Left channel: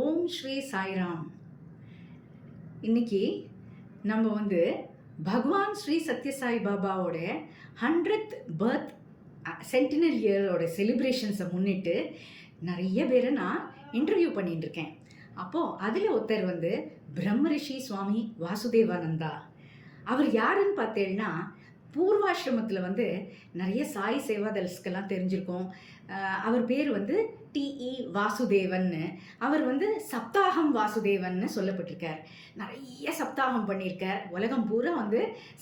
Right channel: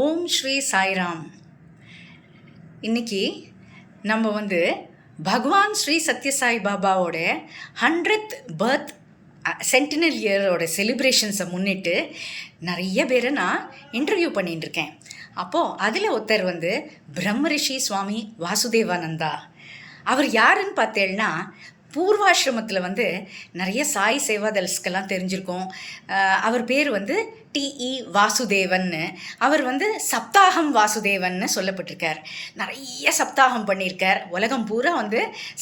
ஓம் ஸ்ரீ சாய்ராம். இன்னைக்கு நம்ம பகவான் ஸ்ரீ சத்யசாய் பாபாவோட 100th பர்த் சென்டினல் இயரோட செலிப்ரேஷன்ஸை முன்னிட்டு நிறைய பேரை நான் இன்டர்வியூ பண்ணிட்டு இருக்கேன். அப்போது அதில் ஒருத்தர் பிரம்ம ரிஷி சுவாமி வாசுதேவானந்தா. அவர் யாருன்னு பார்த்தேன்னா, பூர்வாசிரமத்தில் நிறைய சாய் சேவாதல்ஸ்க்கெல்லாம் தெரிஞ்சிருக்கோம். அவர் பேர் டிஇ வாசுதேவன்னு. அவர் சப்தாகம் வாசுதேவன்னு சொல்லப்பட்டிருக்கார். நிறைய சப்தாகம் பண்ணியிருக்கார். உலகம் பூரா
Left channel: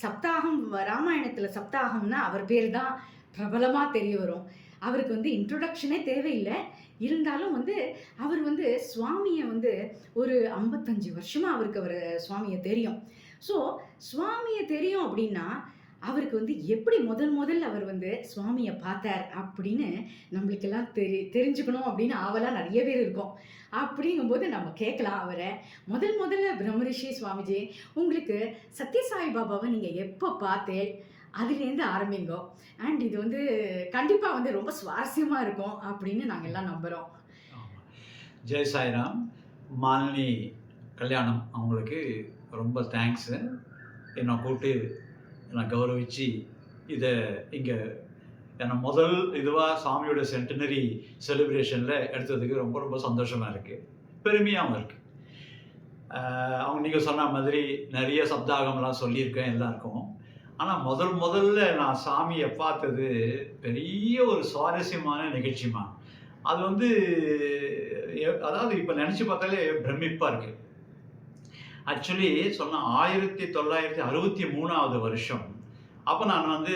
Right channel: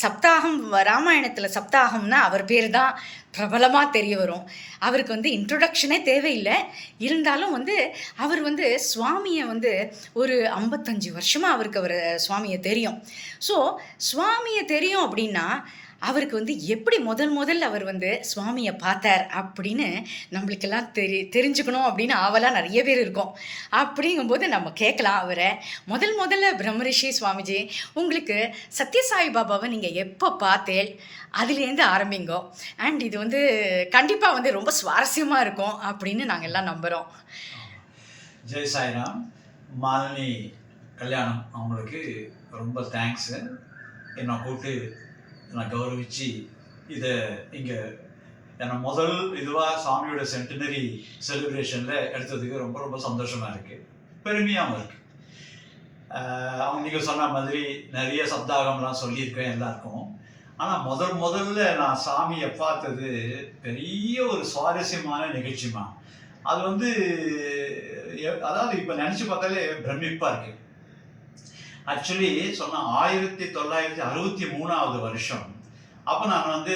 சப்தாகம், ராமாயணத்தில் சப்தாகம்னா அவர் பேர் தான் பிரபலமாக தெரிய வரும். அவருக்கு இன்ட்ரொடக்ஷனே தேவையில்லை. இருந்தாலும் அவர் சுவாமியை ஒரு 55 வருஷமாக அவருக்கு சுவாமியை தெரியும். ஸோ சுவாமியை தெரியும் அப்படின்னா அவருக்கு எப்படி முதல்ல அவர் சுவாமியை பார்த்தார் அப்படின்னு நம்மளுக்கெல்லாம் தெரிஞ்சுக்கணும் அப்படின்னு ஆவலாக நிறைய பேர் இருக்கும். அப்படிங்கும்போது நம்ம கேட்கலாம் அவரை. முதல்ல பிரம்மரிஷி சுவாமிஜி, உங்களுக்கு சத்யசாய் பாபாவை நீங்கள் எப்போ பார்த்தேள், அதுலேருந்து ஆரம்பிங்கோ. அண்ட் இது கண்டிப்பாக ரொம்ப சுவாரஸ்யமாக இருக்கும் அப்படின்னு நாங்கள் எல்லாம் நம்புகிறோம். ஜெய் சாய்ராம். மாலினி கல்யாணம் அவங்களுக்கு ரொம்ப தேங்க்ஸு. என்னை கூப்பிட்டு என்னை கௌரவிச்சு இதை இங்கே என்னை முதல் இதுவாக சாமியோட சென்டினரி செலிப்ரேஷனில் எடுத்ததுக்கு ரொம்ப ரொம்ப சந்தோஷமாக இருக்குது, பெருமையாகவும் இருக்குது. அவங்க நீங்கள் சொன்ன மாதிரி நிறைய சப்தாகம்லாம் சொல்லியிருக்கேன் எல்லாருக்கும். ஆனால் முதல்ல நான் சாமியை பார்த்தது பெரிய ஒரு சுவாரஸ்யமான நிகழ்ச்சிமா. அது அதாவது இப்போ நினச்சி பார்த்தாலே பிரமிப்பாக இருக்குது. ஆக்சுவலி சொன்னால் 1963 வருஷம். அப்போ நான்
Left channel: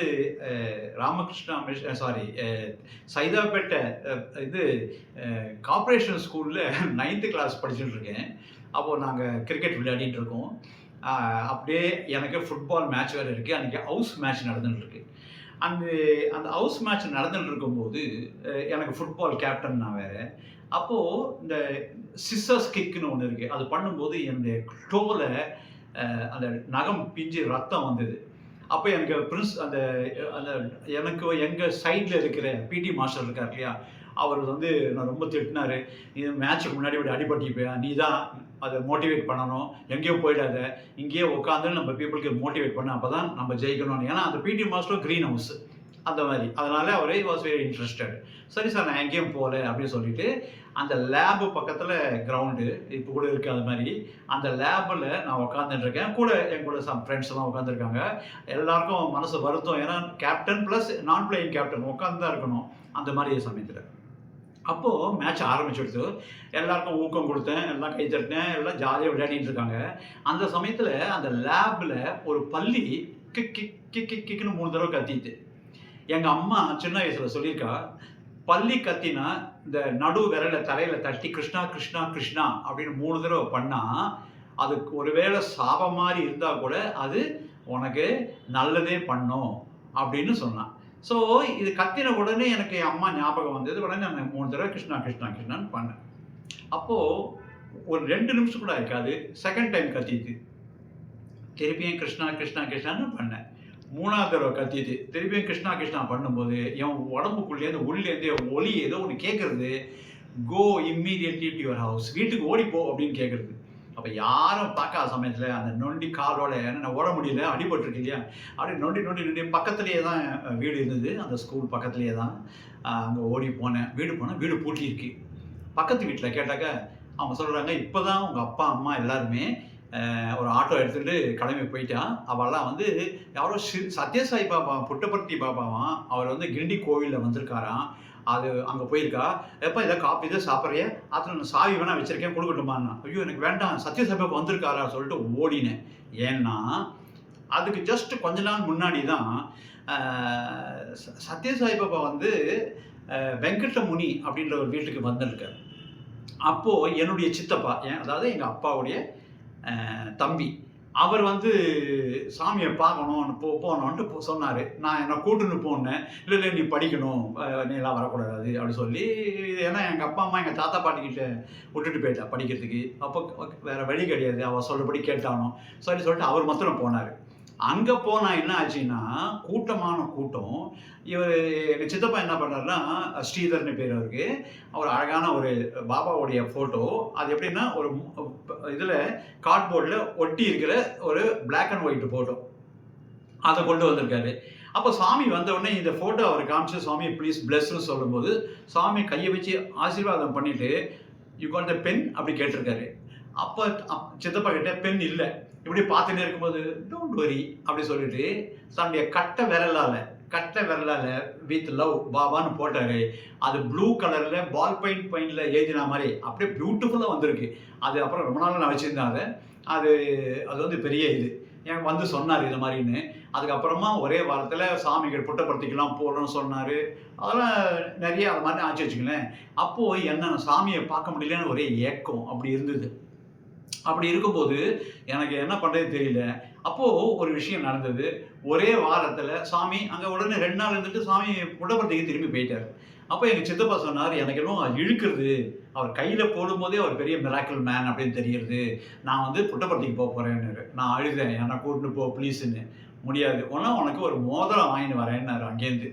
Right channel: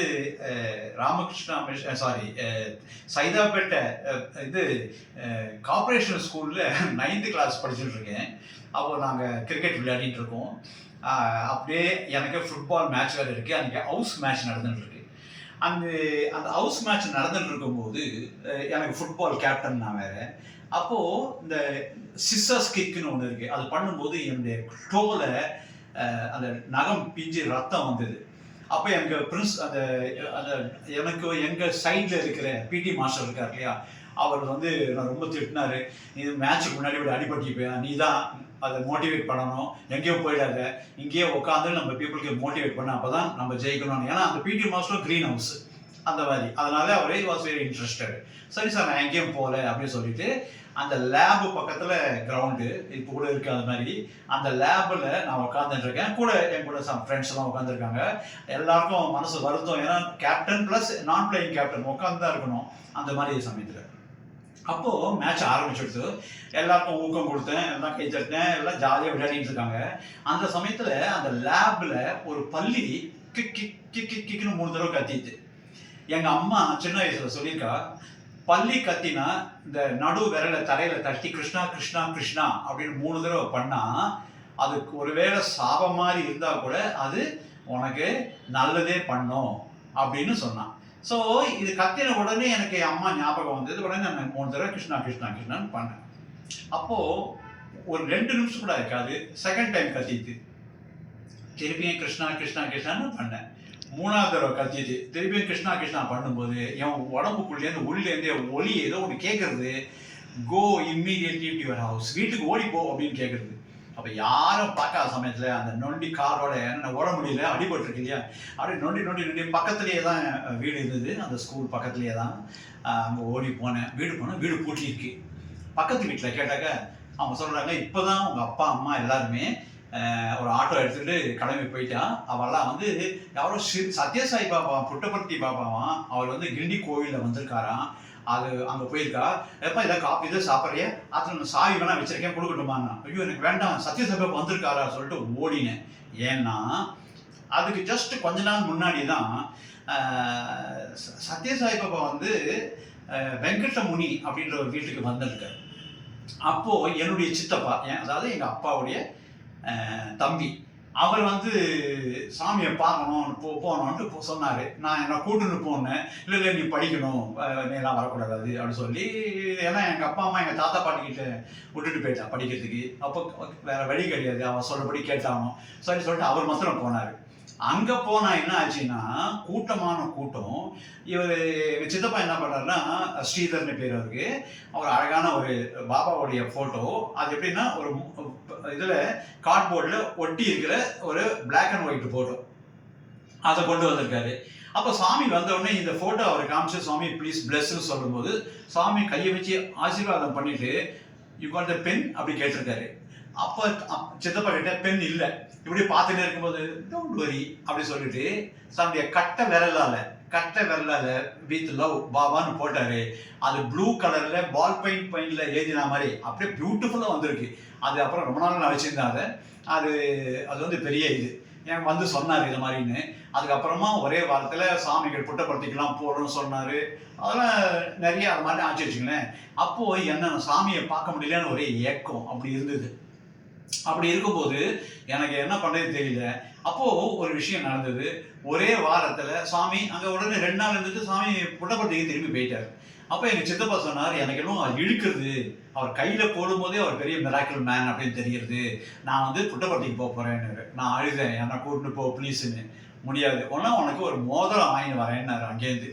ராமகிருஷ்ணா சைதாப்பேட்டை கார்ப்பரேஷன் ஸ்கூலில் 9th கிளாஸ் படிச்சுட்டு இருக்கேன். அப்போது நாங்கள் கிரிக்கெட் விளையாடிட்டு இருக்கோம். அப்படியே எனக்கு ஃபுட்பால் மேட்ச் வேறு இருக்குது. அன்றைக்கி ஹவுஸ் மேட்ச் நடந்துட்டுருக்கு. அந்த ஹவுஸ் மேட்ச் நடந்துட்டு இருக்கும்போது எனக்கு ஃபுட்பால் கேப்டன் நான் வேறு. அப்போது இந்த சிஸ்ஸர்ஸ் கிக்குன்னு ஒன்று இருக்குது. அது பண்ணும்போது என்னுடைய டோவில் அந்த நகம் பிஞ்சு ரத்தம் வந்தது. அப்போ எனக்கு எனக்கு எங்கள் சைடில் இருக்கிற பிடி மாஸ்டர் இருக்கார் இல்லையா, அவர் நான் ரொம்ப திட்டினார். நீ மேட்ச்சுக்கு முன்னாடி அடிபட்டிப்பேன், நீ தான் அதை மோட்டிவேட் பண்ணணும், எங்கேயும் போயிடாத, இங்கேயே உட்காந்து நம்ம பீப்புளுக்கு மோட்டிவேட் பண்ண, அப்போ தான் நம்ம ஜெயிக்கணும். ஏன்னா அந்த பிடி மாஸ்டரும் க்ரீன் ஹவுஸ் அந்த மாதிரி, அதனால அவரே வாஸ் வெரி இன்ட்ரெஸ்டட். சரி சார், நான் எங்கேயும் போகல அப்படின்னு சொல்லிட்டு அந்த லேபு பக்கத்தில் கிரவுண்டு இப்போ கூட இருக்குது. அது மாதிரி அந்த லேபில் நான் உட்காந்துட்டுருக்கேன். கூட என் கூட சம் ஃப்ரெண்ட்ஸ் எல்லாம் உட்காந்துருக்காங்க. எல்லாருக்கும் மனசு வருத்தம், ஏன்னா கேப்டன் ப்ளஸ் நான் பிளேயிங் கேப்டன் உட்காந்து தான் இருக்கணும் அந்த மாதிரி சமயத்தில். அப்போது மேட்ச் ஆரம்பிச்சுடுத்து, எல்லாருக்கும் ஊக்கம் கொடுத்தேன், எல்லாம் கை தட்டினேன், எல்லாம் ஜாலியாக விளையாடிட்டு இருக்காங்க. அந்த சமயத்தில் அந்த லேபில் ஒரு பள்ளி கிக் கிக் கிக் கிக் கிக்னு 3 தடவை கத்திட்டு. எங்கள் அம்மா சின்ன வயசில் சொல்லியிருக்கா, பள்ளி கத்தினா இந்த நடு விரலை தரையில் தட்டி கிருஷ்ணா கிருஷ்ணா கிருஷ்ணா அப்படின்னு 3 தடவை பண்ணால் அதுக்கு ஒருவேளை சாபம் மாதிரி இருந்தால் கூட அது உனக்கு நல்லதே பண்ணும் அப்படின்னு சொன்னான். ஸோ இது கத்தின உடனே எனக்கு என் அம்மா ஞாபகம் வந்தது. உடனே நான் 3 தடவை கிருஷ்ணா கிருஷ்ணா கிருஷ்ணான்னு பண்ணேன். அப்போது ஒரு 2 நிமிஷம் கூட இருக்காது, செகண்ட் டைம் கத்திட்டு திருப்பியும் கிருஷ்ணா கிருஷ்ணா கிருஷ்ணான்னு பண்ணேன். 3ஆவது தடவை கத்திட்டு திருப்பியும் கிருஷ்ணா கிருஷ்ணா பண்ணும்போது என் உடம்புக்குள்ளேருந்து உள்ளேருந்து ஒளி ஏதோ ஒன்று கேட்குறது, கோ இம்மீடியட்லி டு யுவர் ஹவுஸ், வீட்டுக்கு ஓடி போ அப்படின்னு கேட்குறது. அப்போ யாரும் பார்க்காத சமயத்தில் அந்த நொண்டி காரோட என்ன ஓட முடியல, அடிபட்டுருக்கு இல்லையா, அப்படி நொண்டி பக்கத்துலேயே தான் வீடு இருந்தது. அந்த ஸ்கூல் பக்கத்துலேயே தான். அங்கே ஓடி போனேன். வீடு பூட்டியிருக்கு. பக்கத்து வீட்டில் கேட்டாக்க அவங்க சொல்கிறாங்க, இப்போ தான் உங்கள் அப்பா அம்மா எல்லாருமே ஒரு ஆட்டோ எடுத்துகிட்டு கிளம்பி போயிட்டான். அவெல்லாம் யாரோ சத்யசாய் பாபா புட்டபர்த்தி பாபாவான், அவர் கிண்டி கோவிலில் வந்திருக்காராம். அது அங்கே போயிருக்கா. எப்போ இதை காப்பி இதை சாப்பிட்றிய, அதில் நான் சாவி வேணா வச்சுருக்கேன், கொடுக்கட்டுமாண்ணா. ஐயோ எனக்கு வேண்டாம், சத்யசாய் பாபா வந்திருக்காரா சொல்லிட்டு ஓடினேன். ஏன்னா அதுக்கு ஜஸ்ட் கொஞ்ச நாள் முன்னாடி தான் சத்யசாய் பாபா வெங்கடமுனி அப்படின்ற ஒரு வீட்டுக்கு வந்திருக்கார். அப்போது என்னுடைய சித்தப்பா, அதாவது எங்கள் அப்பாவுடைய தம்பி, அவர் சாமியை பார்க்கணும் போகணுன்ட்டு சொன்னார். நான் என்னை கூட்டுன்னு போனேன். இல்லை நீ படிக்கணும், நீ எல்லாம் வரக்கூடாது அப்படி சொல்லி, ஏன்னா எங்கள் அப்பா அம்மா எங்கள் தாத்தா பாட்டிக்கிட்ட விட்டுட்டு போயிட்டா படிக்கிறதுக்கு. அப்போ வேறு வழி கிடையாது, அவர் சொல்கிறபடி கேட்டானோ சரி சொல்லிட்டு அவர் மாத்திரம் போனார். அங்கே போனால் என்ன ஆச்சுன்னா கூட்டமான கூட்டம். இவர் எங்கள் சித்தப்பா என்ன பண்ணுறாருன்னா, ஸ்ரீதர்னு பேர் அவருக்கு. அவர் அழகான ஒரு பாபாவுடைய ஃபோட்டோ. அது எப்படின்னா ஒரு இதில் கார்ட்போர்டில் ஒட்டி இருக்கிற ஒரு பிளாக் அண்ட் ஒயிட் ஃபோட்டோ அதை கொண்டு வந்திருக்காரு. அப்போ சாமி வந்தவுடனே இந்த ஃபோட்டோ அவர் காமிச்சு, சாமி ப்ளீஸ் பிளஸ்ன்னு சொல்லும்போது சாமி கையை வச்சு ஆசீர்வாதம் பண்ணிட்டு, யூ காட் த பென் அப்படி கேட்டிருக்காரு. அப்போ சித்தப்பா கிட்ட பென் இல்லை. இப்படி பார்த்துட்டே இருக்கும்போது டோன்ட் வரி அப்படி சொல்லிட்டு சாமியை கட்டை விரலால் வித் லவ் பாபான்னு போட்டாரு. அது ப்ளூ கலரில் பால் பெயிண்டில் எழுதின மாதிரி அப்படியே பியூட்டிஃபுல்லாக வந்திருக்கு. அது அப்புறம் ரொம்ப நாள் நான் வச்சுருந்தாங்க. அது வந்து பெரிய இது என் வந்து சொன்னார் இது மாதிரின்னு. அதுக்கப்புறமா ஒரே வாரத்தில் சாமிகள் புட்டபர்த்திக்கெல்லாம் போகணும்னு சொன்னார். அதெல்லாம் நிறைய அது மாதிரி ஆச்சு வச்சுங்களேன். அப்போது என்ன சாமியை பார்க்க முடியலன்னு ஒரே ஏக்கம் அப்படி இருந்தது. அப்படி இருக்கும்போது எனக்கு என்ன பண்ணுறது தெரியல. அப்போது ஒரு விஷயம் நடந்தது. ஒரே வாரத்தில் சாமி அங்கே உடனே 2 நாள் இருந்துட்டு சாமி புட்டபர்த்திக்கு திரும்பி போயிட்டார். அப்போ எங்கள் சித்தப்பா சொன்னார், எனக்கு எல்லாம் இழுக்கிறது, அவர் கையில் போடும்போதே அவர் பெரிய மிராக்கிள் மேன் அப்படின்னு தெரியுது, நான் வந்து புட்டபர்த்திக்கு போக போகிறேன்னு. நான் அழுதேன், என்னை கூட்டின்னு போ ப்ளீஸுன்னு. முடியாது, ஒன்றா உனக்கு ஒரு மோதிரம் வாங்கிட்டு வரேன்னாரு அங்கேருந்து.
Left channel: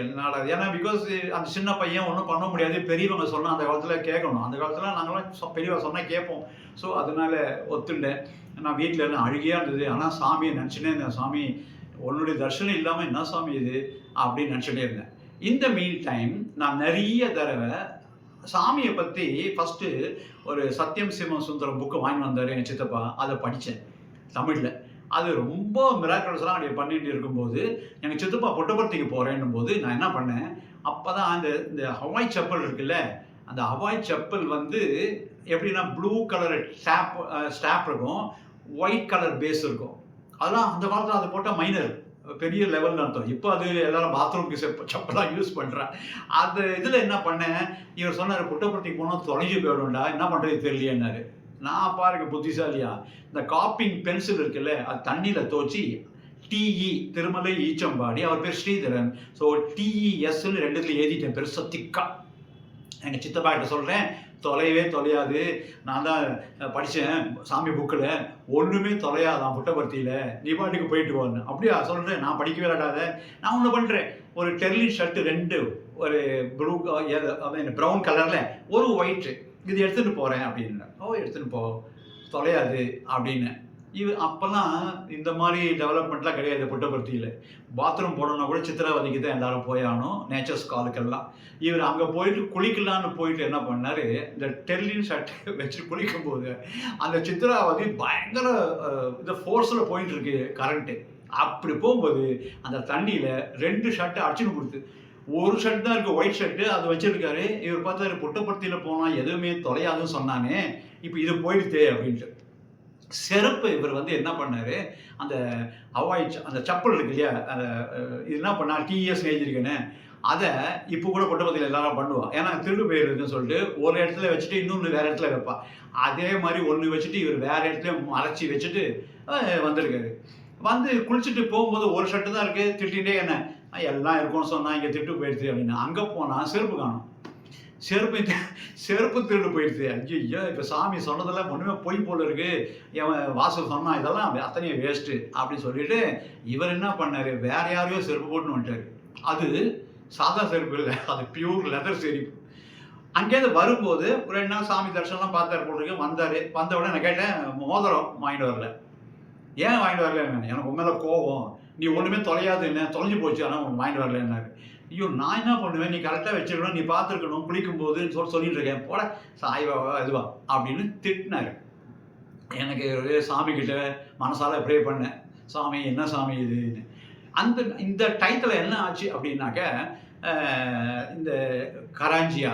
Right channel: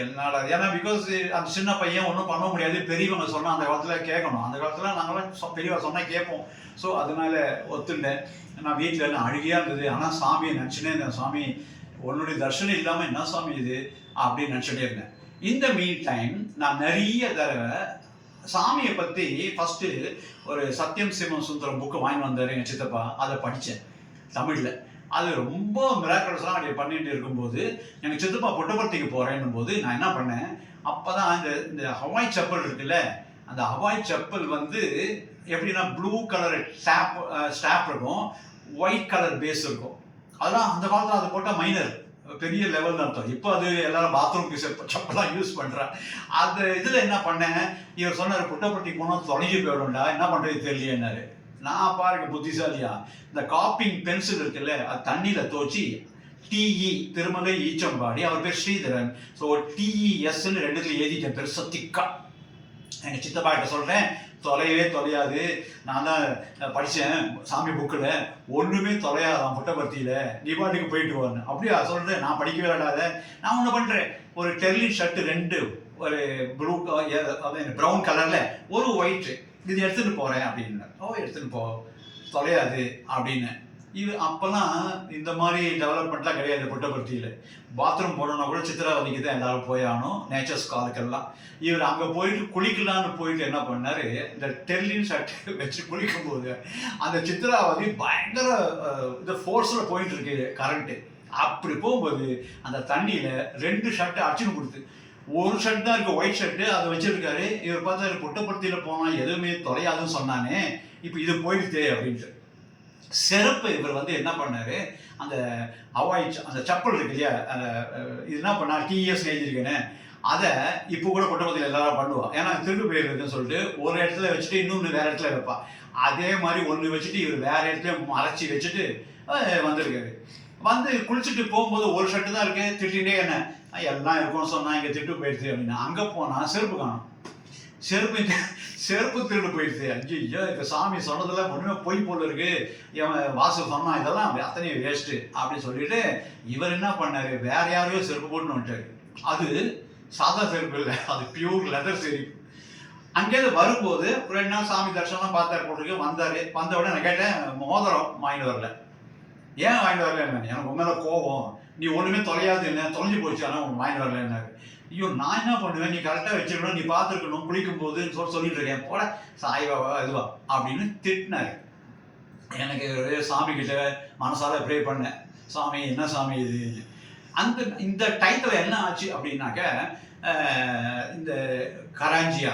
என்னடா, ஏன்னா பிகாஸ் அந்த சின்ன பையன் ஒன்றும் பண்ண முடியாது, பெரியவங்க சொன்னால் அந்த காலத்தில் கேட்கணும். அந்த காலத்தில் நாங்களாம் பெரியவங்க சொன்னால் கேட்போம். ஸோ அதனால ஒத்துண்டேன். நான் வீட்டில் என்ன அழுகையாக இருந்தது. ஆனால் சாமியை நினச்சினே இருந்தேன், சாமி உன்னுடைய தர்ஷனம் இல்லாமல் என்ன சாமி இது அப்படின்னு நினச்சிட்டே இருந்தேன். இந்த மீன் டைம் நான் நிறைய தடவை சாமியை பற்றி ஃபஸ்ட்டு ஒரு சத்யம் சிவம் சுந்தரம் புக்கு வாங்கி வந்தார் என் சித்தப்பா. அதை படித்தேன் தமிழில். அது ரொம்ப மிராக்கிள்ஸ்லாம் அப்படி பண்ணிட்டு இருக்கும்போது எங்கள் சித்தப்பா புட்டபர்த்திக்கு போகிறேன்னும் போது நான் என்ன பண்ணேன், அப்போ தான் இந்த ஹவாய் செப்பல் இருக்குல்ல, அந்த ஹவாய் செப்பல் வந்து எப்படின்னா ப்ளூ கலர் ஸ்டாப் இருக்கும், ஒயிட் கலர் பேஸ் இருக்கும். அதெல்லாம் அந்த காலத்தில் அதை போட்டால் மைனர் பெரிய லெவல்னு அர்த்தம். இப்போ அது எல்லாரும் பாத்ரூம்க்கு செப்பலாம் யூஸ் பண்ணுறான். அந்த இதில் என்ன பண்ணேன், இவர் சொன்னார் புட்டபர்த்திக்கு போனால் தொலைஞ்சி போயிடும்டா, என்ன பண்ணுறது தெரியலையேன்னாரு. நான் பாருங்க புத்திசாலியா, இந்த காப்பிங் பென்சில் இருக்குல்ல, அது தண்ணியில் துவச்சி டிஇ திருமலை ஈச்சம்பாடி, அவர் பேர் ஸ்ரீதரன், ஸோ டிஇஎஸ்ன்னு 2 எழுதிட்டேன் பெருசா திக்கா. எங்கள் சித்தப்பா கிட்ட சொல்கிறேன், தொலையவே தொலையாது, நான் தான் படித்தேன் சாமி புக்கில், ஒன்றுமே தொலையாதான் புட்டபர்த்தியில், நீ பாட்டுக்கு போயிட்டு வரேன். அப்படியா சொல்கிறேன், நான் படிக்கவே விடாத, நான் ஒன்று பண்ணுறேன், ஒரு டெர்லின் ஷர்ட்டு 2, ஒரு ப்ளூ ப்ரௌன் கலரில் ஒரு ஒயிட்டு, இது எடுத்துகிட்டு போகிறேன் அப்படின்னு. ஓ எடுத்துகிட்டு போ, தொலையாது அப்படின்னு. இது அப்போல்லாம் இந்த மாதிரி டெவலப்மெண்ட்லாம் கிடையாது புட்டபர்த்தியில். பாத்ரூம் போடணுன்னா கூட சித்திராவதிக்கு தான் எல்லோரும் போயாகணும், நேச்சர்ஸ் காலுக்கெல்லாம். இவர் அங்கே போயிட்டு குளிக்கலான்னு போயிட்டு என்ன பண்ணார், இந்த டெர்லின் ஷர்ட் வச்சு குளிக்கும்போது அந்த சித்திராவதி பயங்கர இந்த ஃபோர்ஸில் போயிட்டுருக்கு கரண்ட்டு. அப்படி போகும்போது அந்த தண்ணியில் 2 ஷர்ட்டை அடிச்சுன்னு கொடுத்து, ஒரு ஷர்ட் தான் இருக்குது ஒயிட் ஷர்ட்டு, அதை வச்சுருக்காரு. இவர் பார்த்தாரு, புட்டபர்த்தியில் போனால் எதுவுமே தொலையாதுன்னு சொன்னானே, இப்போ இது போயிடுது அப்படின்ட்டு. செருப்பு இவர் வந்து என்ன பண்ணார், அந்த அந்த செப்பல் இருக்கு இல்லையா, அந்த இது என்ன பண்ணால் டிஎஸ் எழுதியிருக்கேன்னு, அதை இப்போ கூட புட்டபர்த்தியில் எல்லாரும் பண்ணுவாள். ஏன்னா திருடு போயிருக்குன்னு சொல்லிட்டு ஒரு இடத்துல வச்சுட்டு இன்னொன்று வேறு இடத்துல வைப்பாள். அதே மாதிரி ஒன்று வச்சுட்டு இவர் வேறு இடத்துல மறைச்சி வச்சுட்டு வந்திருக்காரு. வந்து குளிச்சுட்டு போகும்போது ஒரு ஷர்ட்டு தான் இருக்குது, திட்டிகிட்டே என்ன எல்லாம் இருக்கும்னு சொன்னால் இங்கே திட்டு போயிடுது அப்படின்னா. அங்கே போனால் செருப்பு காணும், செருப்பு திருடு போயிடுது. ஐயோ, இப்போ சாமி சொன்னதெல்லாம் ஒன்றுமே பொய் போல இருக்கு, என் வாசல் சொன்னால் இதெல்லாம் அத்தனையும் வேஸ்ட்டு அப்படின்னு சொல்லிட்டு இவர் என்ன பண்ணார், வேற யாரையோ செருப்பு போட்டுன்னு வந்துட்டார். அது சாதா செருப்பு இல்லை, அது பியூர் லெதர் செருப்பு. அங்கேருந்து வரும்போது ஒரு 2 நாள் சாமி தரிசனம் பார்த்தார் போட்டுருக்கு. வந்த உடனே நான் கேட்டேன், மோதிரம் வாங்கிட்டு வரல. ஏன் வாங்கிட்டு வரல, எனக்கு உண்மையில கோபம், நீ ஒன்றுமே தொலையாது, என்ன தொலைஞ்சு போச்சு, ஆனால் உனக்கு வாங்கிட்டு வரலன்னாரு. ஐயோ, நான் என்ன பண்ணுவேன், நீ கரெக்டாக வச்சுருக்கணும், நீ பார்த்துருக்கணும் குளிக்கும் போது சொல்லிட்டு இருக்கேன், போட சாய்வாவா இதுவா அப்படின்னு திட்டினாரு. எனக்கு ஒரு சாமிக்கிட்ட மனசால ப்ரே பண்ணேன், சாமி என்ன சாமி இதுன்னு. இந்த டயத்தில் என்ன ஆச்சு அப்படின்னாக்க, இந்த கராஞ்சியா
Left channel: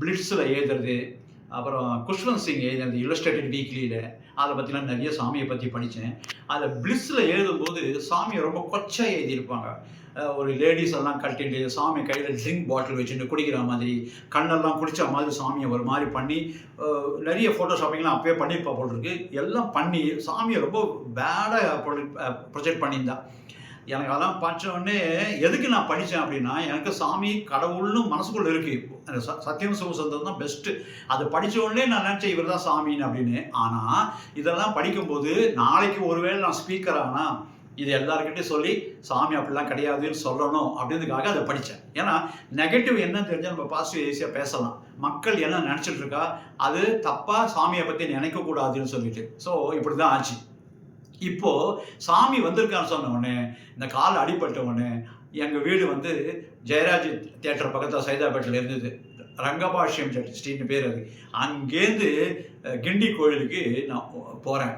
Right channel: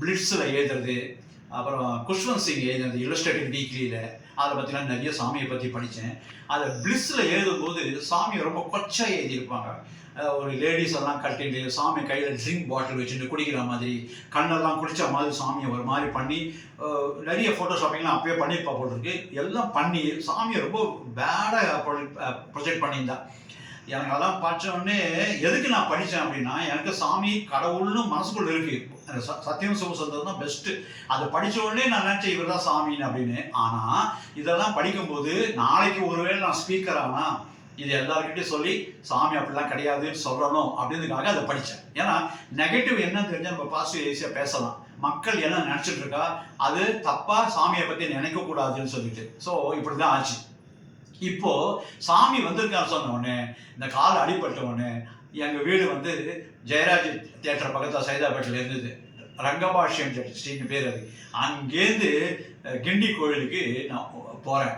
பிளிட்ஸில் எழுதுறது, அப்புறம் குஷ்வந்த் சிங் எழுதுறது இல்லஸ்ட்ரேட்டிவ் வீக்லியில், அதை பற்றிலாம் நிறைய சாமியை பற்றி படித்தேன். அதை பிளிஸில் எழுதும்போது சாமியை ரொம்ப கொச்சையாக எழுதியிருப்பாங்க. ஒரு லேடிஸ் எல்லாம் கட்டிட்டு சாமி கையில் ட்ரிங்க் பாட்டில் வச்சுட்டு குடிக்கிற மாதிரி, கண்ணெல்லாம் குடித்த மாதிரி சாமியை ஒரு மாதிரி பண்ணி நிறைய ஃபோட்டோஷாப்பிங்லாம் அப்போயே பண்ணியிருப்பா போட்டிருக்கு. எல்லாம் பண்ணி சாமியை ரொம்ப பேடாக ப்ரொஜெக்ட் பண்ணியிருந்தா. எனக்கு அதெல்லாம் படித்த உடனே எதுக்கு நான் படித்தேன் அப்படின்னா, எனக்கு சாமி கடவுள்னு மனசுக்குள்ள இருக்குது. அந்த சத்தியம் சிவசுந்தரம் தான் பெஸ்ட்டு. அதை படித்த உடனே நான் நினச்சேன் இவர் தான் சாமின்னு அப்படின்னு. ஆனால் இதெல்லாம் படிக்கும்போது நாளைக்கு ஒருவேளை நான் ஸ்பீக்கர் ஆனால் இது எல்லாருக்கிட்டையும் சொல்லி சாமி அப்படிலாம் கிடையாதுன்னு சொல்லணும் அப்படின்றதுக்காக அதை படித்தேன். ஏன்னா நெகட்டிவ் என்னன்னு தெரிஞ்சால் நம்ம பாசிட்டிவ் ஈஸியாக பேசலாம். மக்கள் என்ன நினச்சிட்டு இருக்கா, அது தப்பாக சாமியை பற்றி நினைக்கக்கூடாதுன்னு சொல்லிட்டு. ஸோ இப்படி தான் ஆச்சு. இப்போது சாமி வந்திருக்கான்னு சொன்ன உடனே, இந்த கால் அடிபட்ட உடனே எங்கள் வீடு வந்து ஜெயராஜ் தியேட்டர் பக்கத்தில் சைதாப்பேட்டில் இருந்தது. ரங்கபாஷ்யம் ஸ்ட்ரீட்னு பேர் அது. அங்கேருந்து கிண்டி கோயிலுக்கு நான் போகிறேன்.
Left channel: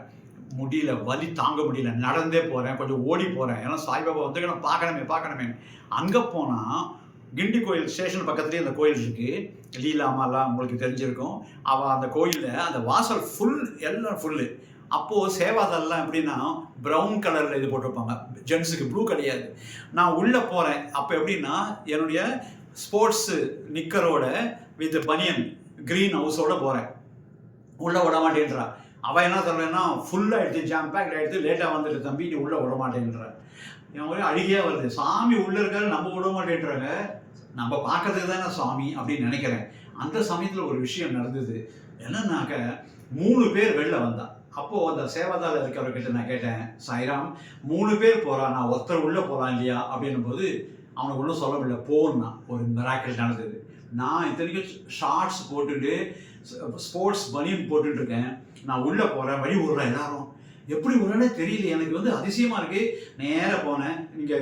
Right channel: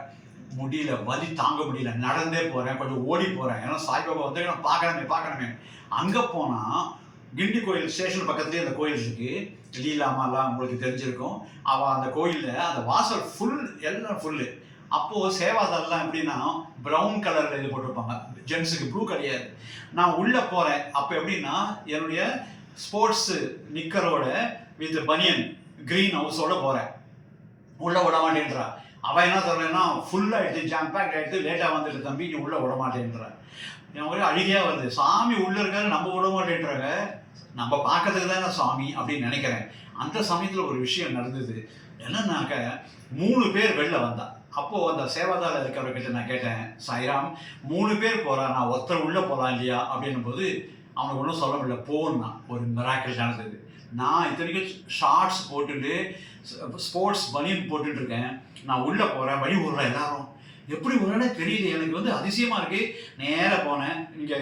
முடியல, வலி தாங்க முடியல, நடந்தே போகிறேன், கொஞ்சம் ஓடி போகிறேன். ஏன்னா சாய்பாபா வந்து நான் பார்க்கணுமே. அங்கே போனால் கிண்டி கோயில் ஸ்டேஷன் பக்கத்துலேயே அந்த கோயில் இருக்குது. லீலாமாலாம் உங்களுக்கு தெரிஞ்சிருக்கும். அவள் அந்த கோயிலில் அந்த வாசல் எல்லாம் ஃபுல்லு. அப்போது சேவாதெல்லாம் எப்படின்னா ப்ரௌன் கலரில் இது போட்டிருப்பாங்க, ஜென்ஸுக்கு ப்ளூ கிடையாது. நான் உள்ளே போகிறேன். அப்போ எப்படின்னா என்னுடைய ஸ்போர்ட்ஸு நிக்கரோட வித் பனியன் க்ரீன் ஹவுஸோடு போகிறேன். உள்ளே விட மாட்டேன்றா. அவள் என்ன சொல்கிறேன்னா ஃபுல்லாக எடுத்து ஜாம் பேக் எடுத்து லேட்டாக வந்துட்டு தம்பி நீ உள்ளே விட மாட்டேன்றா. என் ஒரே அழுகையாக வருது. சாமி உள்ளே இருக்காது, நம்ம விட மாட்டேன்றாங்க. நம்ம பார்க்கறதுக்கு தானே சாமி அப்படின்னு நினைக்கிறேன். அந்த சமயத்தில் ஒரு விஷயம் நடந்தது. என்னன்னாக்க 3 பேர் வெளில வந்தா. அப்போது அந்த சேவாதால இருக்கிறவர்கிட்ட நான் கேட்டேன், சாய்ராம் 3 பேர் போகிறா, நான் ஒருத்தர் உள்ளே போகலாம் இல்லையா அப்படின்னும் போது அவனுக்கு ஒன்றும் சொல்ல முடியல. போன்னா ஒரு மிராக்கிள் நடந்தது. நான் இத்தனைக்கும் ஷார்ட்ஸ் போட்டுட்டு ஸ்போர்ட்ஸ் பனியன் போட்டுட்ருக்கேன். நான் உள்ளே போகிறேன், வழி விடுறேன். எல்லாரும் எப்படி விடுறேன்னு தெரியல. எனக்கு வந்து அதிசயமாக இருக்குது. நேராக போனேன். இங்கே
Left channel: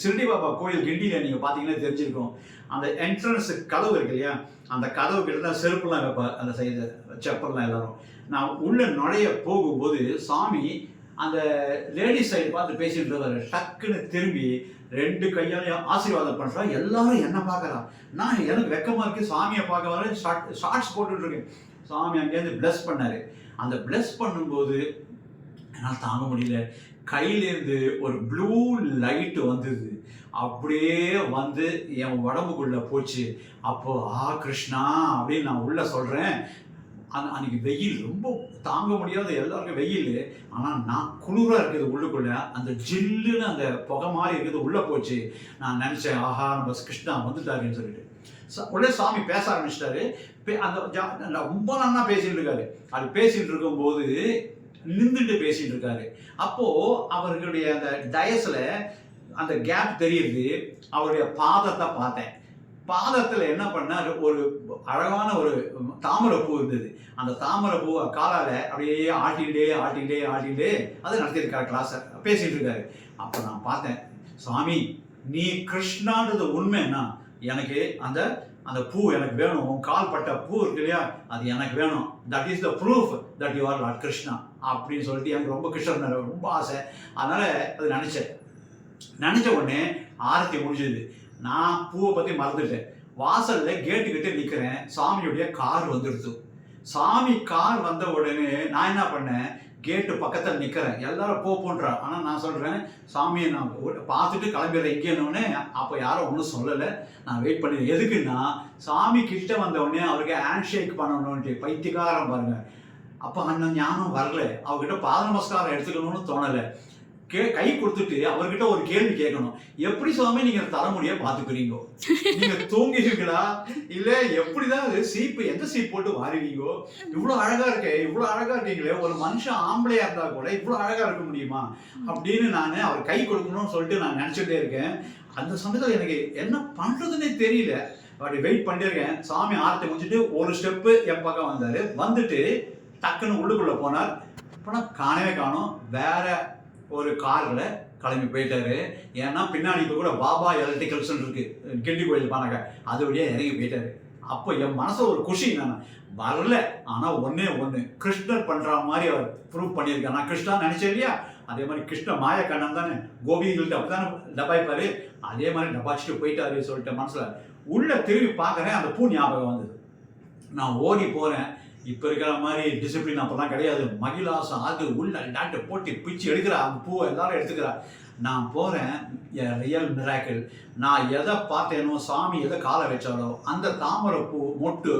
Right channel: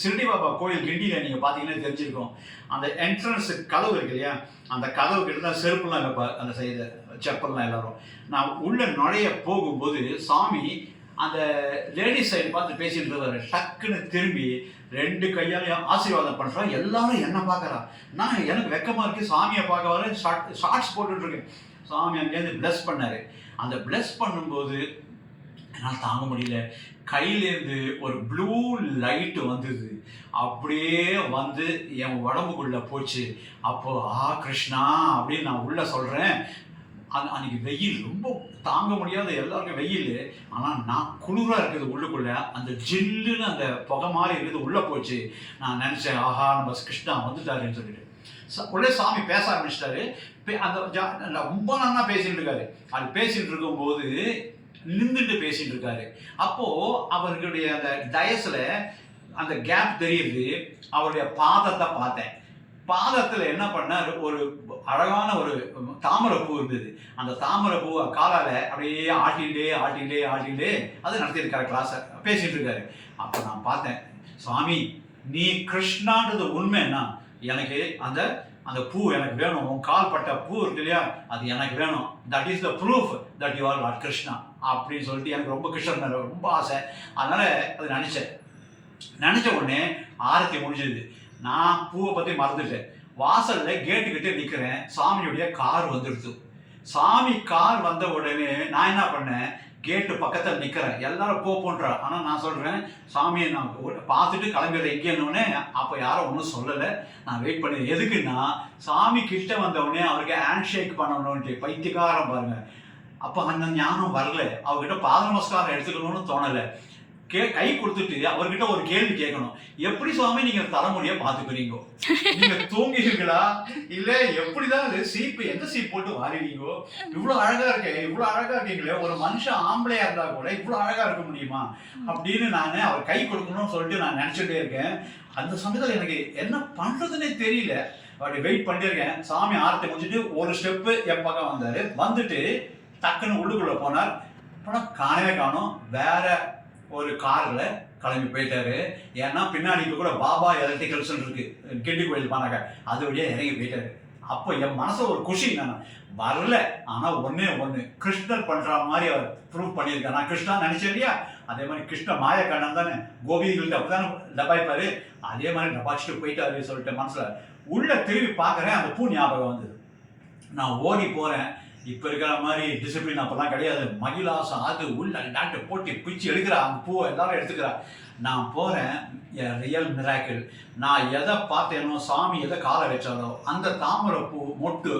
சிறுடி பாபா கோயில் கிண்டியில் நீங்கள் பார்த்தீங்கன்னா தெரிஞ்சிருக்கும். அந்த என்ட்ரன்ஸு கதவு இருக்கு இல்லையா, அந்த கதவு கிட்ட தான் செருப்புலாம் வைப்பேன், அந்த சைடு செப்பல்லாம் எல்லாரும். நான் உள்ளே நுழைய போகும்போது சாமி அந்த லேடிஸ் சைடு பார்த்து பேசிட்டு இருக்காரு. டக்குன்னு திரும்பி 2 கையாலையும் ஆசீர்வாதம் பண்ணுறா. எல்லாரும் என்ன பார்க்குறா. நான் எனக்கு வெக்கமாக இருக்குது. சாமியை பார்க்க வர ஷார்ட்ஸ் போட்டுட்ருக்கேன். சாமி அங்கேருந்து ப்ளஸ் பண்ணார். அந்த ப்ளஸ் பண்ணும்போது என்னால் தாங்க முடியல. கையிலேருந்து ஒரு ப்ளூ லைட்டு வந்தது. அப்படியே வந்து என் உடம்புக்குள்ளே போச்சு. அப்போது கிருஷ்ணா அப்படின்னு நான் உள்ளே சொல்கிறேன். அன்றைக்கி வெயில் ரொம்ப தாங்க முடியாத, எல்லாருக்கும் வெயில். ஆனால் நான் குளிராக இருக்குது உள்ளுக்குள்ளே. அந்த ஜில்லுன்னு அந்த புகை மாதிரி இருக்குது உள்ளே போச்சு. நான் நினச்சேன், ஆஹா நம்ம கிருஷ்ணா வந்துட்டாருன்னு சொல்லிட்டு. உடனே சாமி பேச ஆரம்பிச்சிட்டாரு. அந்த ரொம்ப நல்லா பேசிகிட்டு இருக்காரு. அது பேசிகிட்டு இருக்கும்போது நின்றுட்டு பேசிகிட்டு இருக்காரு. அப்போது அவர்களுடைய அந்த டயஸில் அந்த கேப் தெரியுது. அவருடைய பாதத்தை பார்த்தேன். பாதத்தில் என்ன பண்ணார், ஒரு அழகான ஒரு தாமரைப்பூ இருந்தது. அந்த தாமரைப்பூவை காலால் அப்படியே ஆட்டிகிட்டே அதை நடத்தியிருக்காரு. கிளாஸை பேசிகிட்டு இருக்காரு. அப்போ நான் பார்த்தேன், சாமி நீ கிருஷ்ணான்றது உண்மைன்னா எனக்கு அந்த அந்த பூ எனக்கு வேணும். உன் கால் பட்ட பூ இருக்கு இல்லையா, அது எனக்கு வேணும். That is the proof that you are Lord Krishna அப்படின்னு சொல்லிட்டு எனக்கு ரொம்ப கிருஷ்ணன் மேலே ரொம்ப ஆசை. அதனால் அது நினச்ச உடனே ஆரத்தி முடிஞ்சது. நான் பூவை பற்றி மறந்துட்டேன். வாசலில் கேட்டுக்கிட்டே நிற்கிறேன். சாமியுடைய கார் வந்துடுது. சாமி கார் வந்த உடனே நான் என்ன பண்ணேன், கேட்டு பக்கத்தில் நிற்கிறேன். எல்லாரும் போன்றா. ஆனால் நான் சொல்கிறேன், சாமியை நான் பார்த்துட்டு கிளம்பிடுறேன் எங்கேன்னொடனே. அப்போ யாரும் ஒன்றும் சொல்லலை. நான் வெயிட் பண்ணி எதுக்குன்னா, சாமி கிட்ட வந்தவுடனே அவருக்கு ஹேண்ட் ஷேக் பண்ணணுன்ட்டு பைத்தியக்காரம் பாருங்கள். அப்போ அந்த ஞானம் வரல. அவர்கிட்ட பாத நமஸ்காரம் எடுத்துக்கணும்னு தோணலை. கை கொடுத்துட்டு அவர்கிட்ட ஒரு கேள்வி கேட்கணும். எப்படி சுவாமி நீங்கள் தலைமுடியை பார்த்துக்கிறீங்கோ? நீங்கள் தூங்கிடுவீங்களா இல்லை எப்படிதான் அது சீப்பு எந்த சீப் போட்டு வாரிவீங்கோ? இவ்வளோ அழகாக இருக்கீங்களே, ஒரு மனுஷன் ஆம்பளையாக இருந்தால் கூட இவ்வளோ அழகாக இருக்க முடியுமா அப்படின்னு நான் அவர் கை கொடுக்கணும்னு சொல்லிட்டு நான் நினச்சிட்டே இருக்கேன். அந்த சமயத்தில் எனக்கு என்ன பண்ணுறதுன்னே தெரியல. அப்படி வெயிட் பண்ணியிருக்கேன். சாமி ஆரத்தை முடிச்சுட்டு ஒரு ஸ்டெப்பு என் பக்கம் வந்தார். வந்துட்டு டக்குன்னு உள்ளுக்குள்ளே போனார். ஆனால் காணவே காணும். வேற ஒரு காரில் கிளம்பி போயிட்டாரு. ஏன்னா பின்னாடி இப்போ கூட பாபா எலக்ட்ரிக்கல்ஸ்ன்னு இருக்குது, கிண்டி கோயில் பானாக்க, அது வழியாக இறங்கி போயிட்டாரு. அப்போ என் மனசை ஒரு குஷி. நான் வரல, ஆனால் ஒன்று கிருஷ்ணர் பண்ணுற மாதிரி அவர் ப்ரூவ் பண்ணியிருக்காரு. நான் கிருஷ்ணா நினச்சேன் இல்லையா, அதே மாதிரி கிருஷ்ண மாயக்கண்ணன் தானே கோபிகள்கிட்ட அப்படி தானே டபாய்ப்பார். அதே மாதிரி டபாச்சிட்டு போயிட்டாரு சொல்லிட்டு மனசில் உள்ளே திரும்பி பார்க்குறேன். அந்த பூ ஞாபகம் வந்தது. நான் ஓடி போகிறேன். இப்போ இருக்கிற மாதிரி டிசிப்ளின் அப்போலாம் கிடையாது. மகிழாசம் அது உள்ள டாக்டர் போட்டி பிச்சு எடுக்கிறா. அந்த பூவை எல்லாரும் எடுத்துக்கிறா. நான் போகிறேன். Real miracle. நான் எதை பார்த்தேனோ, சாமி எதை காலை வச்சாலோ, அந்த தாமரை பூ மொட்டு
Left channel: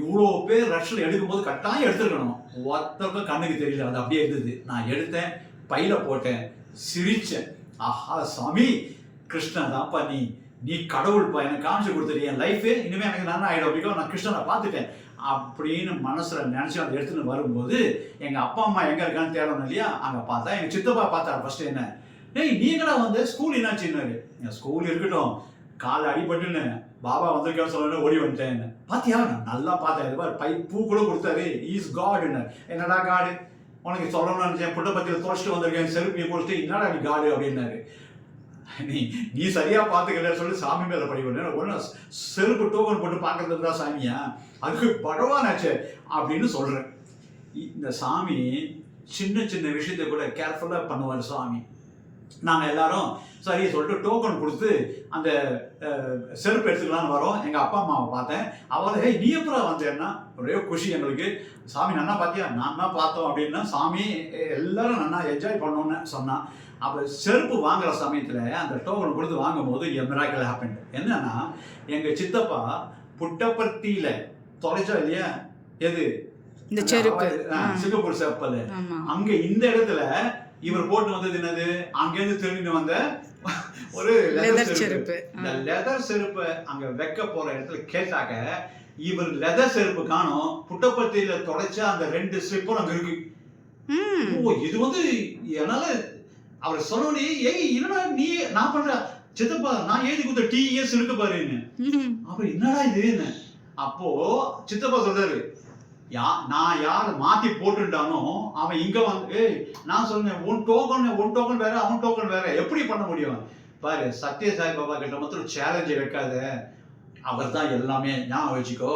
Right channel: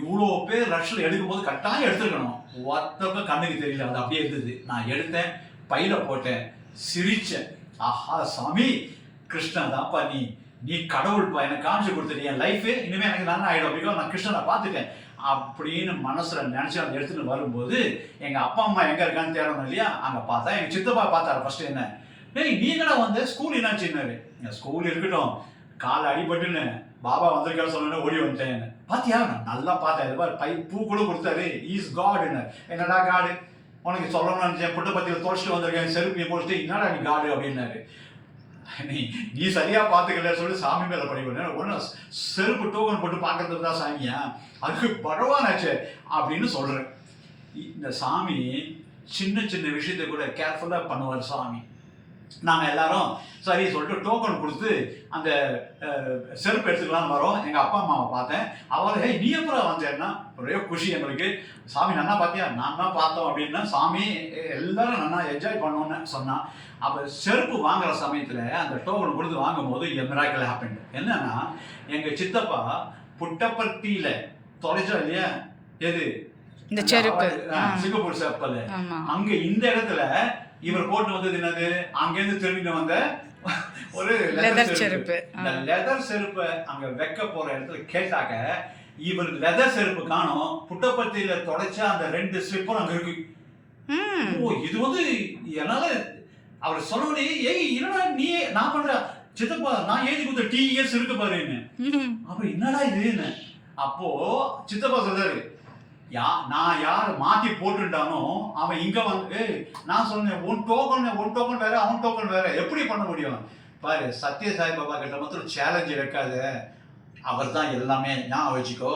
இவ்வளோ பேர் ரஷ்ஷில் எடுக்கும்போது கட்டாயம் எடுத்துருக்கணும். ஒருத்தருக்கும் கண்ணுக்கு தெரியல. அது அப்படியே இருந்தது. நான் எடுத்தேன், பையில் போட்டேன், சிரித்தேன். ஆஹா சாமி, கிருஷ்ணா தான்ப்பா நீ, நீ கடவுள்ப்பா, எனக்கு காமிச்சு கொடுத்துரு, என் லைஃபு இனிமேல் எனக்கு நல்லா ஆகிடும், பிகாஸ் நான் கிருஷ்ணனை பார்த்துட்டேன் அப்படின்னு மனசில் நினச்சி அதை எடுத்துகிட்டு வரும்போது எங்கள் அப்பா அம்மா எங்கே இருக்கான்னு தேடணும் இல்லையா. அங்கே பார்த்தா எங்கள் சித்தப்பா பார்த்தாரு ஃபஸ்ட்டு. என்ன டேய் நீங்கடா வந்து ஸ்கூல் என்னாச்சுன்னாரு. எங்கள் ஸ்கூல் இருக்கட்டும், காலை அடிபட்டுன்னு பாபா வந்திருக்கான்னு சொன்னோன்னே ஓடி வந்துட்டேன். பார்த்தியா, நான் நல்லா பார்த்தேன், இது மாதிரி பூ கூட கொடுத்தாரு, ஈஸ் காடுன்னு. என்னடா காடு, உனக்கு சொல்லணும்னு நினச்சேன், புட்டப்பத்தியில் தோச்சிட்டு வந்திருக்கேன், செருப்பியை போச்சுட்டு என்னடா நீ காடு அப்படின்னாரு. நீ சரியா பார்த்துக்கல சொல்லி சாமி மேலே படிப்பேன். ஒன்றும் செருப்பு டோக்கன் போட்டு பார்க்கறது தான் சாமியா, அதுக்கு பகவானாச்சே அப்படின்னு சொல்கிறேன். இந்த சாமி சின்ன சின்ன விஷயத்தை கூட கேர்ஃபுல்லாக பண்ணுவார் சாமி. நாங்கள் எல்லாரும் சரி சொல்லிட்டு டோக்கன் கொடுத்து அந்த செருப்பு எடுத்துக்கலான்னு வரோம். எங்கள் அப்பா அம்மாவை பார்த்தேன். அவரை நீ எப்போ வந்தேன்னா ஒரே குஷி எங்களுக்கு. சாமி நன்னா பார்த்தியா, நான் தான் பார்த்தோம் அப்படின்னா சாமி எல்லோரும் நல்லா என்ஜாய் பண்ணோன்னு சொன்னான். அப்போ செருப்பு வாங்குகிற சமயத்தில் அந்த டோக்கன் கொடுத்து வாங்கும்போது மிராக்கிள் ஹேப்பன். என்னன்னா எங்கள் சித்தப்பா புட்டப்பர்த்தியில் தொலைச்சா இல்லையா, எது இந்த செருப்பு, சிங்கப்பூர் செப்பல், அங்கே இந்த இடத்துல இவர் போட்டு வந்தது என்னது, அங்கேருந்து திரும்பிட்டு வந்த ஒரு லெதர் செருப்பு. இந்த லெதர் செருப்பை அங்கே வைக்க போகிற இடத்துல கேட்டாக்க இவர் லெதர் செருப்பு காணும், புட்டப்பர்த்தியில் தொலைச்சா அந்த 2 ஸ்லிப்பரும் அங்கே இருக்கு. ஓ இது வந்து என்னால் அவர் சொன்னோடனே ஏய் என்னடா நீ, நான் பண்றேன் சித்தப்பா, நான் எழுதி கொடுத்த TES இருக்கு பாருன்னு. அப்புறம் என்னடா இதுன்னு அப்போ சித்தப்பா சொல்றாரு, நான் யார் மாற்றி போட்டுட்டானோ அவன் இங்கே வந்து நான் சொன்னேன் உன் டோக்கன் வேற அவன் டோக்கன் வேற, எப்படி பண்ண முடியும் பாரு. சத்ய சாய் பாபா கிட்ட மட்டும் சேலஞ்சு வைக்காத, அவர் தான் எல்லாமே, ஞாபகம் வச்சுக்கோ.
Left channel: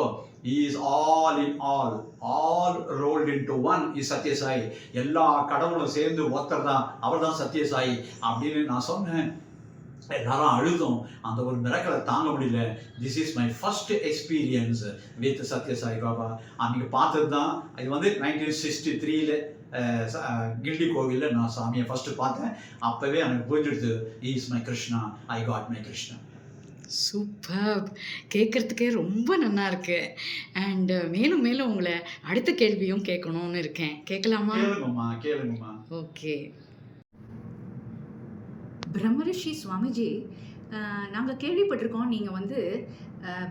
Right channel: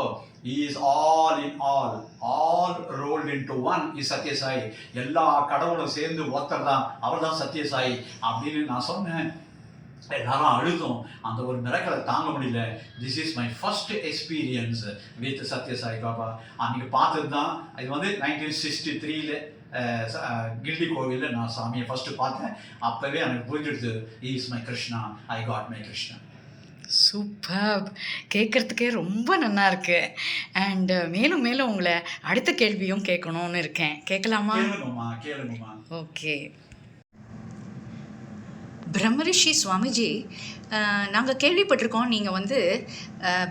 Is all in all rolled into one is Satya Sai. எல்லா கடவுளும் சேர்ந்து ஒருத்தர் தான், அவர் தான் சத்ய சாய் அப்படின்னு நான் சொன்னேன். எல்லாரும் அழுதும் அந்த ஒரு மிராக்கிளை தாங்க முடியல. This is my first experience with Satya Sai Baba. அன்றைக்கி பார்த்தது தான் இது வந்து 1963 கில்டி கோவிலில் நான் சாமியை ஃபஸ்ட்டு பார்த்தேன். அப்போவே எனக்கு புரிஞ்சிடுது, is my Krishna, I got my Krishna. Super, கேட்குறதுக்கே ரொம்ப நல்லா இருக்கு. அண்ட் மேலும் மேலும் உங்களை அடுத்த கேள்வியும் கேட்கணும்னு இருக்கேன். கேட்கலாமா? கேளுங்கம்மா. ஓகே. பிரம்மரிஷி சுவாமிஜி, நாங்கள் கேள்விப்பட்டிருக்கோம் நீங்கள் வந்து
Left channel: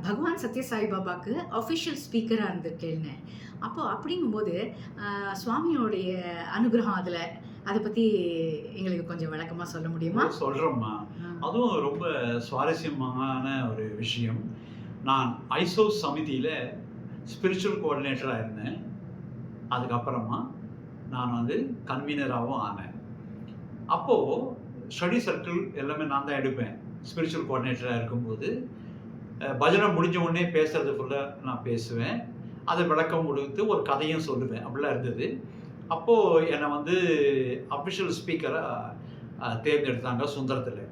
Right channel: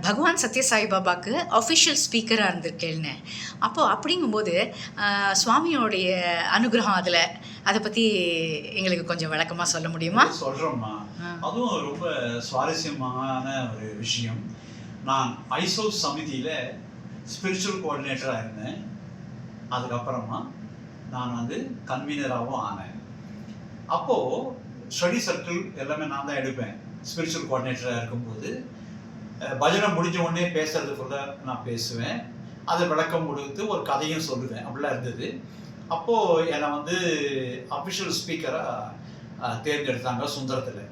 பகவான் சத்ய சாய் பாபாவுக்கு அஃபிஷியல் ஸ்பீக்கராக இருந்திருக்கேன்னு. அப்போது அப்படிங்கும்போது சுவாமியோடைய அனுகிரகம் அதில் அதை பற்றி எங்களுக்கு கொஞ்சம் விளக்கமாக சொல்ல முடியுமா? சொல்கிறோம்மா. அதுவும் ரொம்ப சுவாரஸ்யமான ஒரு விஷயம். நான் ஐசோஸ் சமிதியில் ஸ்பிரிச்சுவல் கோஆர்டினேட்டராக இருந்தேன். அதுக்கப்புறமா நான் வந்து கன்வீனராகவும் ஆனேன். அப்போது ஸ்டடி சர்க்கிள் எல்லாமே நான் தான் எடுப்பேன். ஸ்பிரிச்சுவல் கோஆர்டினேட்டராக இருக்கும்போது பஜனை முடிஞ்ச உடனே பேசுறது ஃபுல்லாக நான் பேசுவேன். அது விளக்கம் கொடுத்து ஒரு கதையும் சொல்லுவேன். அப்படிலாம் இருந்தது. அப்போது என்னை வந்து அஃபிஷியல் ஸ்பீக்கராக தேர்ந்தெடுத்தாங்க சுந்தரத்தில்.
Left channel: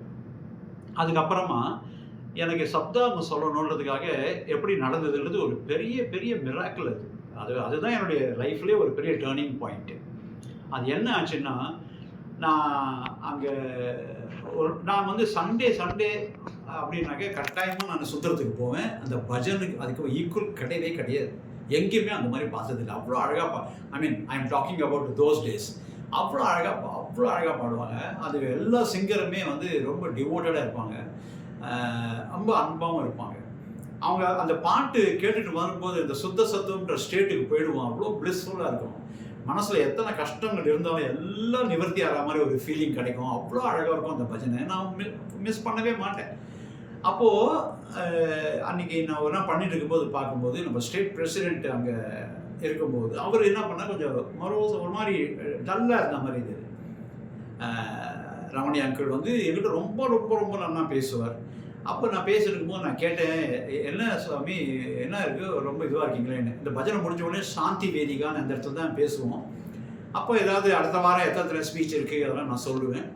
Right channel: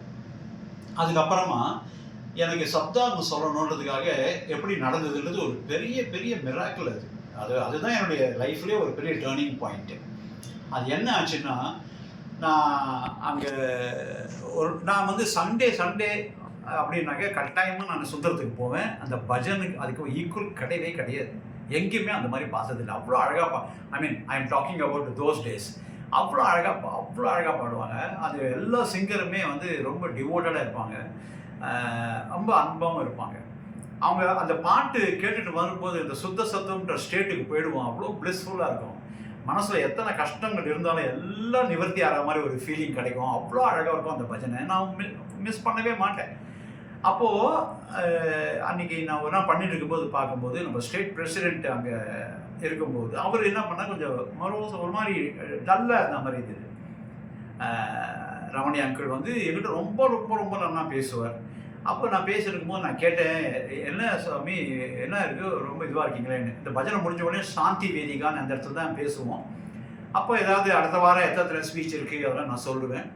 அதுக்கப்புறமா எனக்கு சப்தாகம் சொல்லணுன்றதுக்காக எப்படி நடந்ததுன்றது ஒரு பெரிய பெரிய மிராக்கிள். அதுதான் என்னுடைய லைஃப்லேயே ஒரு பெரிய டேர்னிங் பாயிண்ட்டு. அது என்ன ஆச்சுன்னா, நான் வந்து சண்டே அப்படின்னாக்க கட்டாயமாக நான் சுந்தரத்துக்கு போவேன். அந்த பஜனுக்கு அதுக்கு ஈக்குவல் கிடையாது. எங்கேயுமே அந்த மாதிரி பார்த்ததில்லை. அவ்வளோ அழகாக I am talking about those days. அவ்வளோ அழகாக பாடுவாங்க. அது எல்லா சிங்கருமே வந்து ரொம்ப டிவோட்டடாக இருப்பாங்க, ரொம்ப அன்பாகவும் இருப்பாங்க. அவங்க அந்த பாட்டு கேட்டுட்டு வரும்போது இந்த சுத்த சத்தம்ன்ற ஸ்டேட்டுக்கு போயிடுவோம். அவ்வளோ பிளிஸ்ஃபுல்லாக இருக்கும். மனசில் எத்தனை கஷ்டங்கள் இருந்தாலும் எல்லாம் நிவர்த்தி ஆகிற மாதிரி ஒரு ஃபீலிங் கிடைக்கும். அவ்வளோ அழகாக இருக்கும் அந்த பஜனை. நான் மிஸ் பண்ணவே மாட்டேன். அப்போது அன்றைக்கி நான் ஒரு நாள் பண்ணிட்டு இருக்கும்போது பார்க்கும்போது நம்ம ஸ்டேட் பிரசிடெண்ட் அங்கே இருக்கும்போது அவர் என்ன பண்ணால் கொஞ்சம் ஒரு மாதிரி டல்லாக இருந்த மாதிரி இருந்தது. ரமணி அங்கிள் வந்து என்கிட்ட ரொம்ப ரொம்ப ரொம்ப நல்லா பேசுவார். அப்போ நான் பேசியிருக்கும்போது நான் கேட்டேன், என்ன சுவாமி என்ன இருக்குது, ரொம்ப இதுவாக இருக்கீங்களேன்னு. இந்த பஜனை முடிஞ்ச உடனே சாந்தி வேதிகான்னு அந்த இடத்துல தான் பேசுவோம். அப்போ ஏதாவது அடுத்த வாரம் எத்தனை ஸ்பீச் இருக்குது அதெல்லாம் நான் சொல்லுவேன்.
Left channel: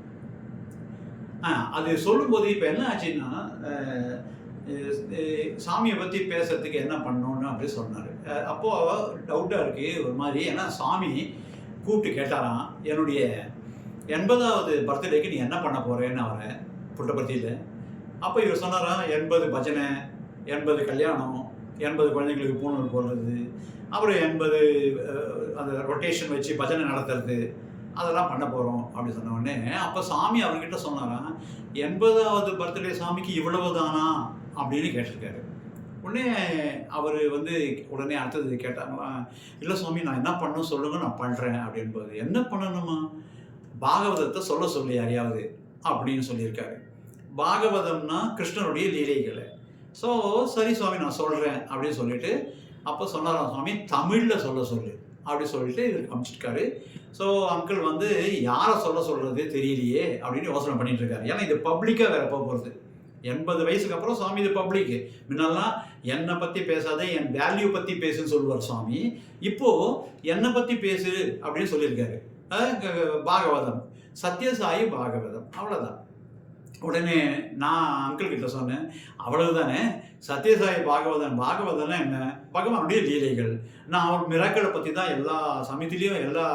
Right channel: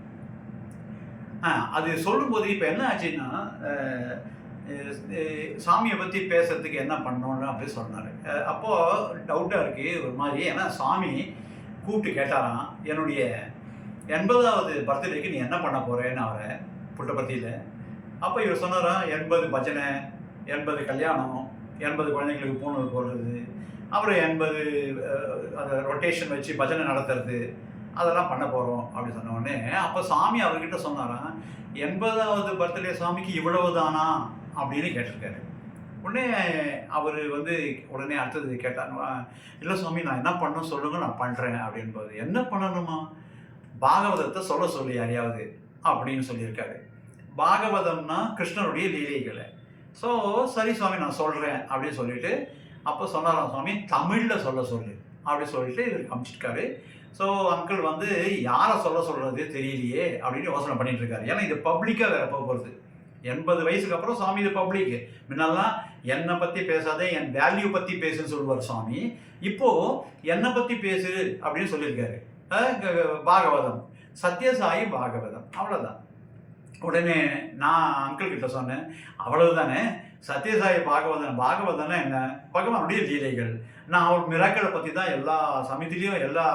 அது சொல்லும்போது இப்போ என்ன ஆச்சுன்னா, சாமியை பற்றி பேசுகிறதுக்கு என்ன பண்ணணுன்னு அப்படி சொன்னார். அப்போது டவுட்டாக இருக்குது ஒரு மாதிரி. ஏன்னா சாமி கூப்பிட்டு கேட்டாராம், என்னுடைய 80வது பர்த்டேக்கு நீ என்ன பண்ண போகிறேன்னு அவரை புட்டபர்த்தியில். அப்போ இவர் சொன்னாராம், 80 பஜனை, 80 கல்யாணம், 80 குழந்தைங்களுக்கு பூணூல் போடுறது, அப்புறம் 80 அந்த ரொட்டேஷன் வச்சு பஜனை நடத்துறது, அதெல்லாம் பண்ண போகிறோம் அப்படின்னு சொன்ன உடனே அப்போ சாமி அவர்கிட்ட சொன்னாராம், 80வது பர்த்டே சாமிக்கு இவ்வளவு தானா அப்படின்னு கேட்டிருக்காரு. உடனே அவர் வந்து உடனே அடுத்தது கேட்டாங்களா, இல்லை சுவாமி நான் என்ன பண்ணணும் சொல்லுங்கள் நான் பண்ணுறேன் அப்படின்போது, என்ன பண்ணணுமா, பாகவதத்தை சொல்ல சொல்லி யாரையாவது அப்படின்னு சொல்லியிருக்காரு. பாகவதம்னா கிருஷ்ணனுடைய லீலைகளை. ஸோ சரி சுவாமி நான் சொல்கிறேன் அப்படின்னு சொல்லிட்டு அப்போ சொன்னாராம் சுவாமி, தமிழில் சொல்ல சொல்லு அப்படி சொல்லிட்டு இவருக்கு அமைச்சிருக்காரு. ஸோ அங்கிள் வந்து யாரை சொல்ல சொல்கிறது தெரியலையே அப்படின்னு யோசனை பண்ணிட்டு இருக்காரு. ஏன்னா இது பப்ளிக்காக வேற போகிறது. 80 வயசுக்கு அப்புறம் சுவாமி இது பப்ளிக்கு. முன்னெல்லாம் என்னை பற்றி பேசாதே என் வேல்யூ பற்றி பேசுன்னு சொல்லுவார் சுவாமி. இப்போது என்னை பற்றி பேசு அப்படின்னு சொல்லியிருக்காரு. பாகவதம், சத்யசாயி பாகவதம், அவ்வளோதான். உடனே நான் அங்கிள் கிட்ட சொன்னேன், அவ்வளவு தானே, சத்யசாயி பாகவதம்னா என்ன, பகவானுடைய லீலைகள். நான் அவர் மிராக்களை பற்றி தான் எல்லா சமயத்துலேயும் எல்லா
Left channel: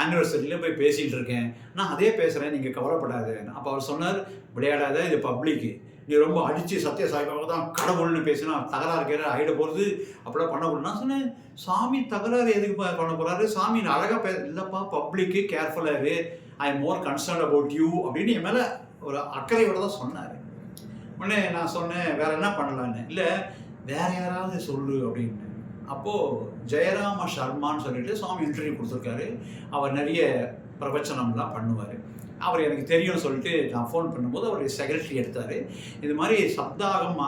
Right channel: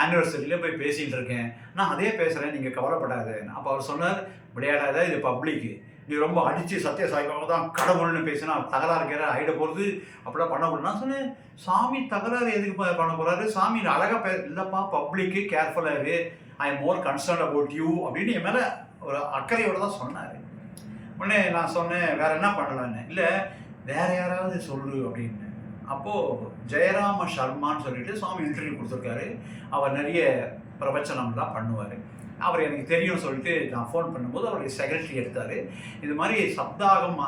ஆனிவர்சரிலையும் போய் பேசிகிட்டு இருக்கேன், நான் அதே பேசுகிறேன், நீங்கள் கவலைப்படாது. அப்போ அவர் சொன்னார், விளையாடாத, இது பப்ளிக்கு, நீ ரொம்ப அடித்து சத்யசாயி பாபா தான் கடவுள்னு பேசினா தகராறு இருக்கிற ஆகிட போகிறது, அப்படிலாம் பண்ணக்கூடாது. நான் சொன்னேன், சாமி தகராறு எதுக்கு பண்ண போகிறாரு, சாமி அழகாக இல்லைப்பா பப்ளிக்கு கேர்ஃபுல்லாக இரு, I am more concern about you அப்படின்னு என் மேலே ஒரு அக்கறையோடு தான் சொன்னார். உடனே நான் சொன்னேன், வேறு என்ன பண்ணலான்னு. இல்லை வேறு யாராவது சொல்லு அப்படின்னு. அப்போது ஜெயராம சர்மான்னு சொல்லிட்டு சுவாமி இன்டர்வியூ கொடுத்துருக்காரு. அவர் நிறைய பிரவச்சனம்லாம் பண்ணுவார். அவர் எனக்கு தெரியும்னு சொல்லிட்டு நான் ஃபோன் பண்ணும்போது அவருடைய செக்ரட்டரி எடுத்தார். இது மாதிரி சப்தாகம்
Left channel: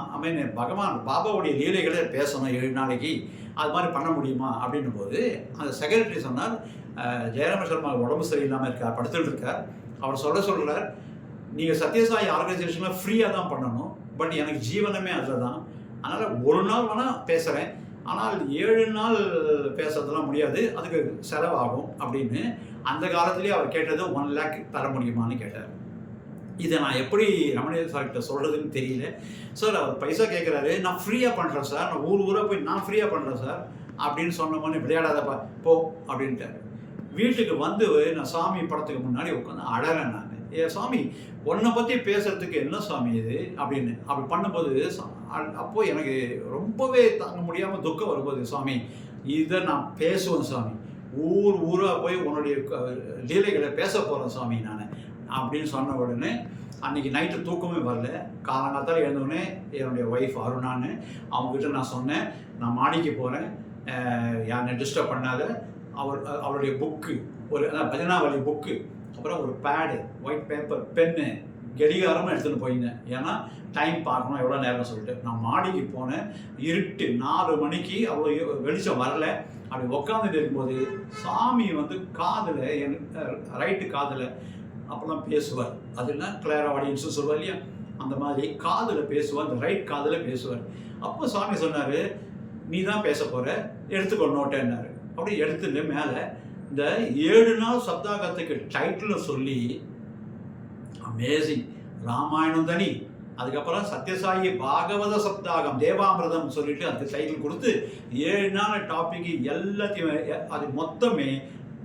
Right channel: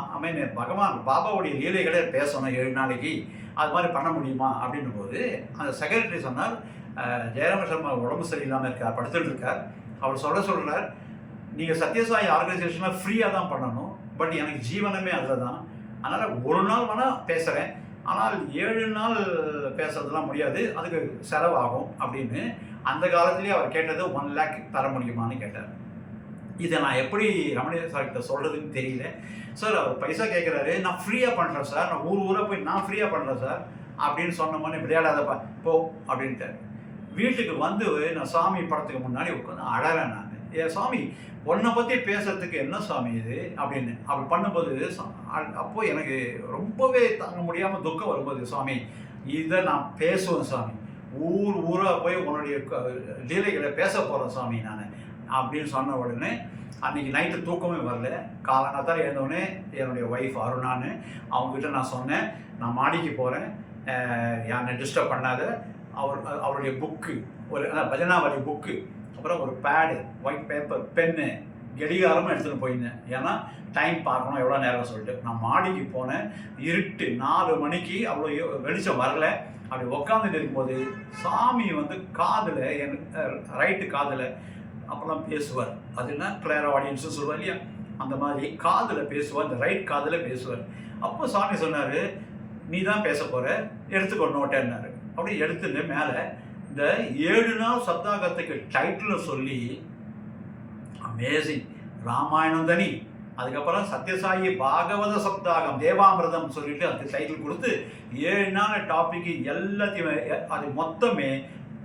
பகவான் பாபாவுடைய லீலைகளை பேசணும் 7 நாளைக்கு, அது மாதிரி பண்ண முடியுமா அப்படின்னும் போது அந்த செக்ரட்டரி சொன்னார், ஜெயராம சர்மா உடம்பு சரியில்லாமல் இருக்கார், படுத்துட்டு இருக்கார். அவர் சொல்கிறார், நீங்கள் சத்யசாயி ஆர்கனைசேஷனில் ஃப்ரீயாக தான் பண்ணணும், பட் எனக்கு ஜீவனமே அதில் தான், அதனால் ஒரு நாள் வேணால் பேசுகிறேன், ஆனால் 7 நாள் பேசுறதுலாம் முடியாது, அதுக்கு செலவாகும் அப்படின்னு. அந்த காலத்துலேயே அவர் கேட்டது 1 lakh தர முடியுமான்னு கேட்டார். இதை நான் எப்படி ரமணீய சார்கிட்ட சொல்கிறதுன்னு தெரியல. சார் அவர் பைசா கேட்குறாரு, நான் ஃப்ரீயாக பண்ணுறேன் சார், நான் ஊராக போய் நான் ஃப்ரீயாக பண்ணுறேன் சார் அப்படின்னு சொன்னோன்னே, விளையாடாதப்பா போ அப்படின்ட்டார். வீட்டுக்கு வந்து நான் சாமி படத்துக்கு முன்னாடி உட்காந்து அழறேன். நான், ஏ சாமி உன்னை பற்றி பேசுறதுக்கு என்ன சாமி இது அப்படின்னு அப்படி பண்ணும்போது அப்போது எனக்கு ரொம்பவே தாங்க முடியாமல் துக்கம் வரும்போது, சாமி இதை நான் பேசுவேன் சாமி, ஊராக போய் உன்னுடைய லீலைகளை பேச போகிறேன் சாமி நான் அப்படின்னு சொன்ன உடனே அன்றைக்கி நைட்டு தூக்கமே வரல. காலங்காத்தால் எழுந்தவுடனே என்னுடைய ஒய்ஃப் அருணான்னு அவங்ககிட்ட நான் சொன்னேன், நான் மாடிக்கு போகிறேன், யாரை டிஸ்டர்ப் பண்ணாத. அவருடைய புக்கு, ஒரு பஜனாவளி புக்கு, அப்புறம் ஒரு பேடு, ஒயிட் பேப்பர், பென்னு, கடிகாரமும் எடுத்துகிட்டு போயிருந்தேன். ஏன்னா டைம் பார்க்கணும் எவ்வளோ நேரம் சொல்லிட்டு. நான் மாடிக்கு போனேன், இருட்டு 4 மணிக்கு, அவ்வளோ வெளிச்சம் வரல. அப்படி உட்காந்துட்டு இருக்கும்போது சாமி வந்து காதில், என் ரைட்டு காதில் அப்போல்லாம் பேசுவார். அதுனா கிளியர் ஆடியன்ஸும் சொல்லுவார் இல்லையா, அந்த மாதிரி காதில் பேசுவார், இந்த ரைட் காதில் பேசுவார். அப்போ சாமி சொன்னார், நீ தான் பேச போகிற, எடுத்துக்கோ நோட்டேன்னாரு. அப்படி எடுத்துட்டு மேலே இந்த 7 நாள் சப்தாகத்துக்கு டைட்டில் சொல்லி, அமேசிங், ராமாயணம் தனி, அதுக்கப்புறம் சத்யசாயி பாகவத சப்தாகம் தேவாமிரதம் சொல்லிட்டு அதுக்கு டைட்டில் கொடுத்து 7 நாள் டாப்பிக்கு எல்லாத்தையுமே அது மொத்தமே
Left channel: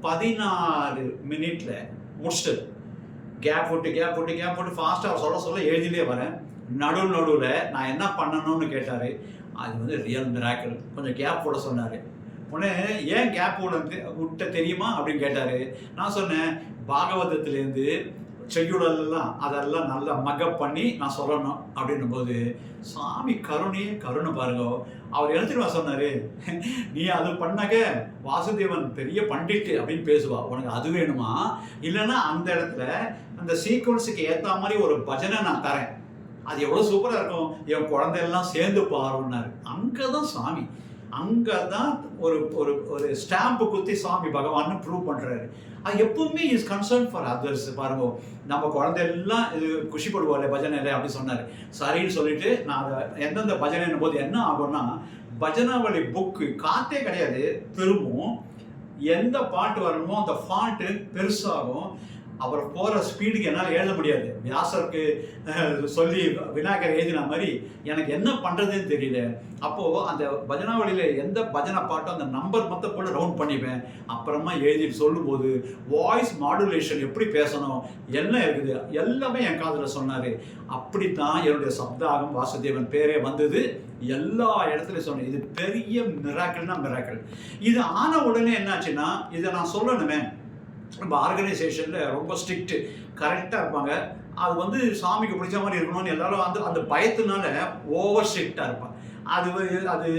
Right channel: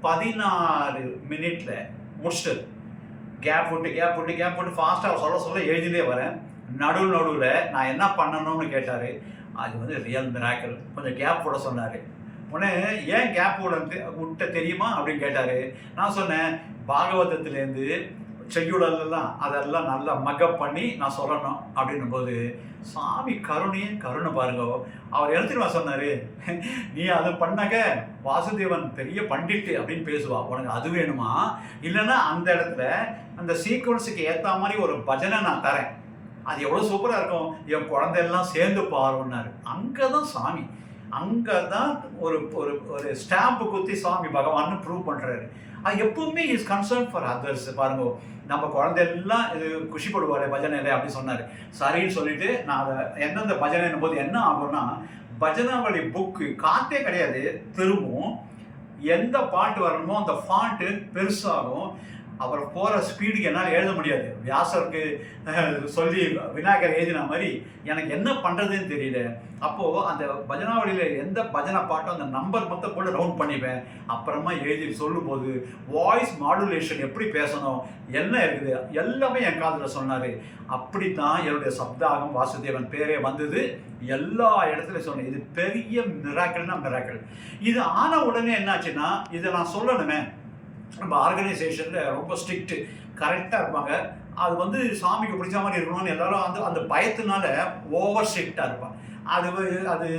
14 மினிட்ல முடிச்சிட்டது. கேப் விட்டு ஃபாஸ்ட்டாக சொல்ல எழுதிலே வரேன். நடுவில் நான் என்ன பண்ணணும்னு கேட்டார். அது வந்து ரியல் மிராக்கிள். கொஞ்சம் கேப் விட சொன்னார். உடனே ஏன் கேப் விட்ட தெரியுமா அப்படின்னு கேட்டார். நான் சொன்னேன், பாகவதத்துலேருந்து செய்யுடலாம் அதெல்லாம் நல்லா மக்கப் பண்ணி நான் சொல்லணும் அப்படின்னும் போது சாமி கருணை பாருங்க. அவர் எழுத்துருவா சொன்னார், நீ அது பண்ணாக்க வாசுதேவன் பெரிய பண்டிட்டு அப்படின்னு பேசுவா, உனக்கு அது வேணுமா, இல்லைன்னா அந்த இடத்துல அந்த சீக்வன்ஸுக்கு ஏற்ற மாதிரி ஒரு பஜனை நான் தரேன், அது எவ்வளோ சூப்பராக இருக்கும், என் குழந்தையெல்லாம் சேர்ந்து பாருன்னாரு. அங்கே தான் சாமி, அங்கே தான் ஒரு ஒரு ஒரு ஸ்டாம்பு குத்தி சாமி பகவான்னு ப்ரூவ் பண்ணுறாரு. அது எப்பவுமே இஸ் கன்சர்ன் ஃபார் அதர்ஸ். பாருங்க, நம்ம குழந்தையெல்லாம் இது குஷிப்படுவாள் பஜனையில் அப்படி சொன்னார். சரின்னு சொல்லிட்டு நான் அதை எந்தெந்த பஜனைன்னும் போது என்ன ஆகும்னா, பஜனாவளி புக்கு காற்றே கிடையாது, திரும்பவும் எந்த பாட்டு வரணுமோ அந்த ஃபாண்ட்டு பெருசாகும். அவர் போகிற ஸ்பீடுக்கு என்னால் எழுத முடியாது. வியாசருக்கு சொல்லி விநாயகர் எழுதின மாதிரி எனக்கு என்ன பண்ணுறதுன்னு தெரியல. அப்போது அந்த பஜனாவளியில் எந்த பஜனை பாட்டோ அந்த நம்பர் மொத்தம் போட்டு ரவுண்ட் பண்ணிப்பேன். அப்புறமா எழுதி சொல்லும்போது வாய்ஸ் மாடுலேஷன் எப்படி பேசணும் என்ன இருக்குது எல்லாமே என் காதில் சொன்னார். அப்படித்தான் என்னுடைய சப்தாகம் வாசுதேவன் பேரே வந்தது. எல்லா இடத்துலையும் சொன்னேன், இது பெரிய மிராக்கிள்னா மிராக்கிள். இது ஆன உடனே என்னாச்சுன்னா, இதை நான் சொல்லணுமே, நம்ம ஆர்கனைசேஷனில் ரொம்ப ஸ்ட்ரிக்ட்டு, கரெக்டாக இருப்பாங்க. அது வந்து சாமிக்கு பிடிச்ச மாதிரி இருக்கணும்னு எல்லாரும் அந்த அந்த பயத்தினால ஓவர் ஸ்ட்ரிக்டாக இருப்பாங்க. அது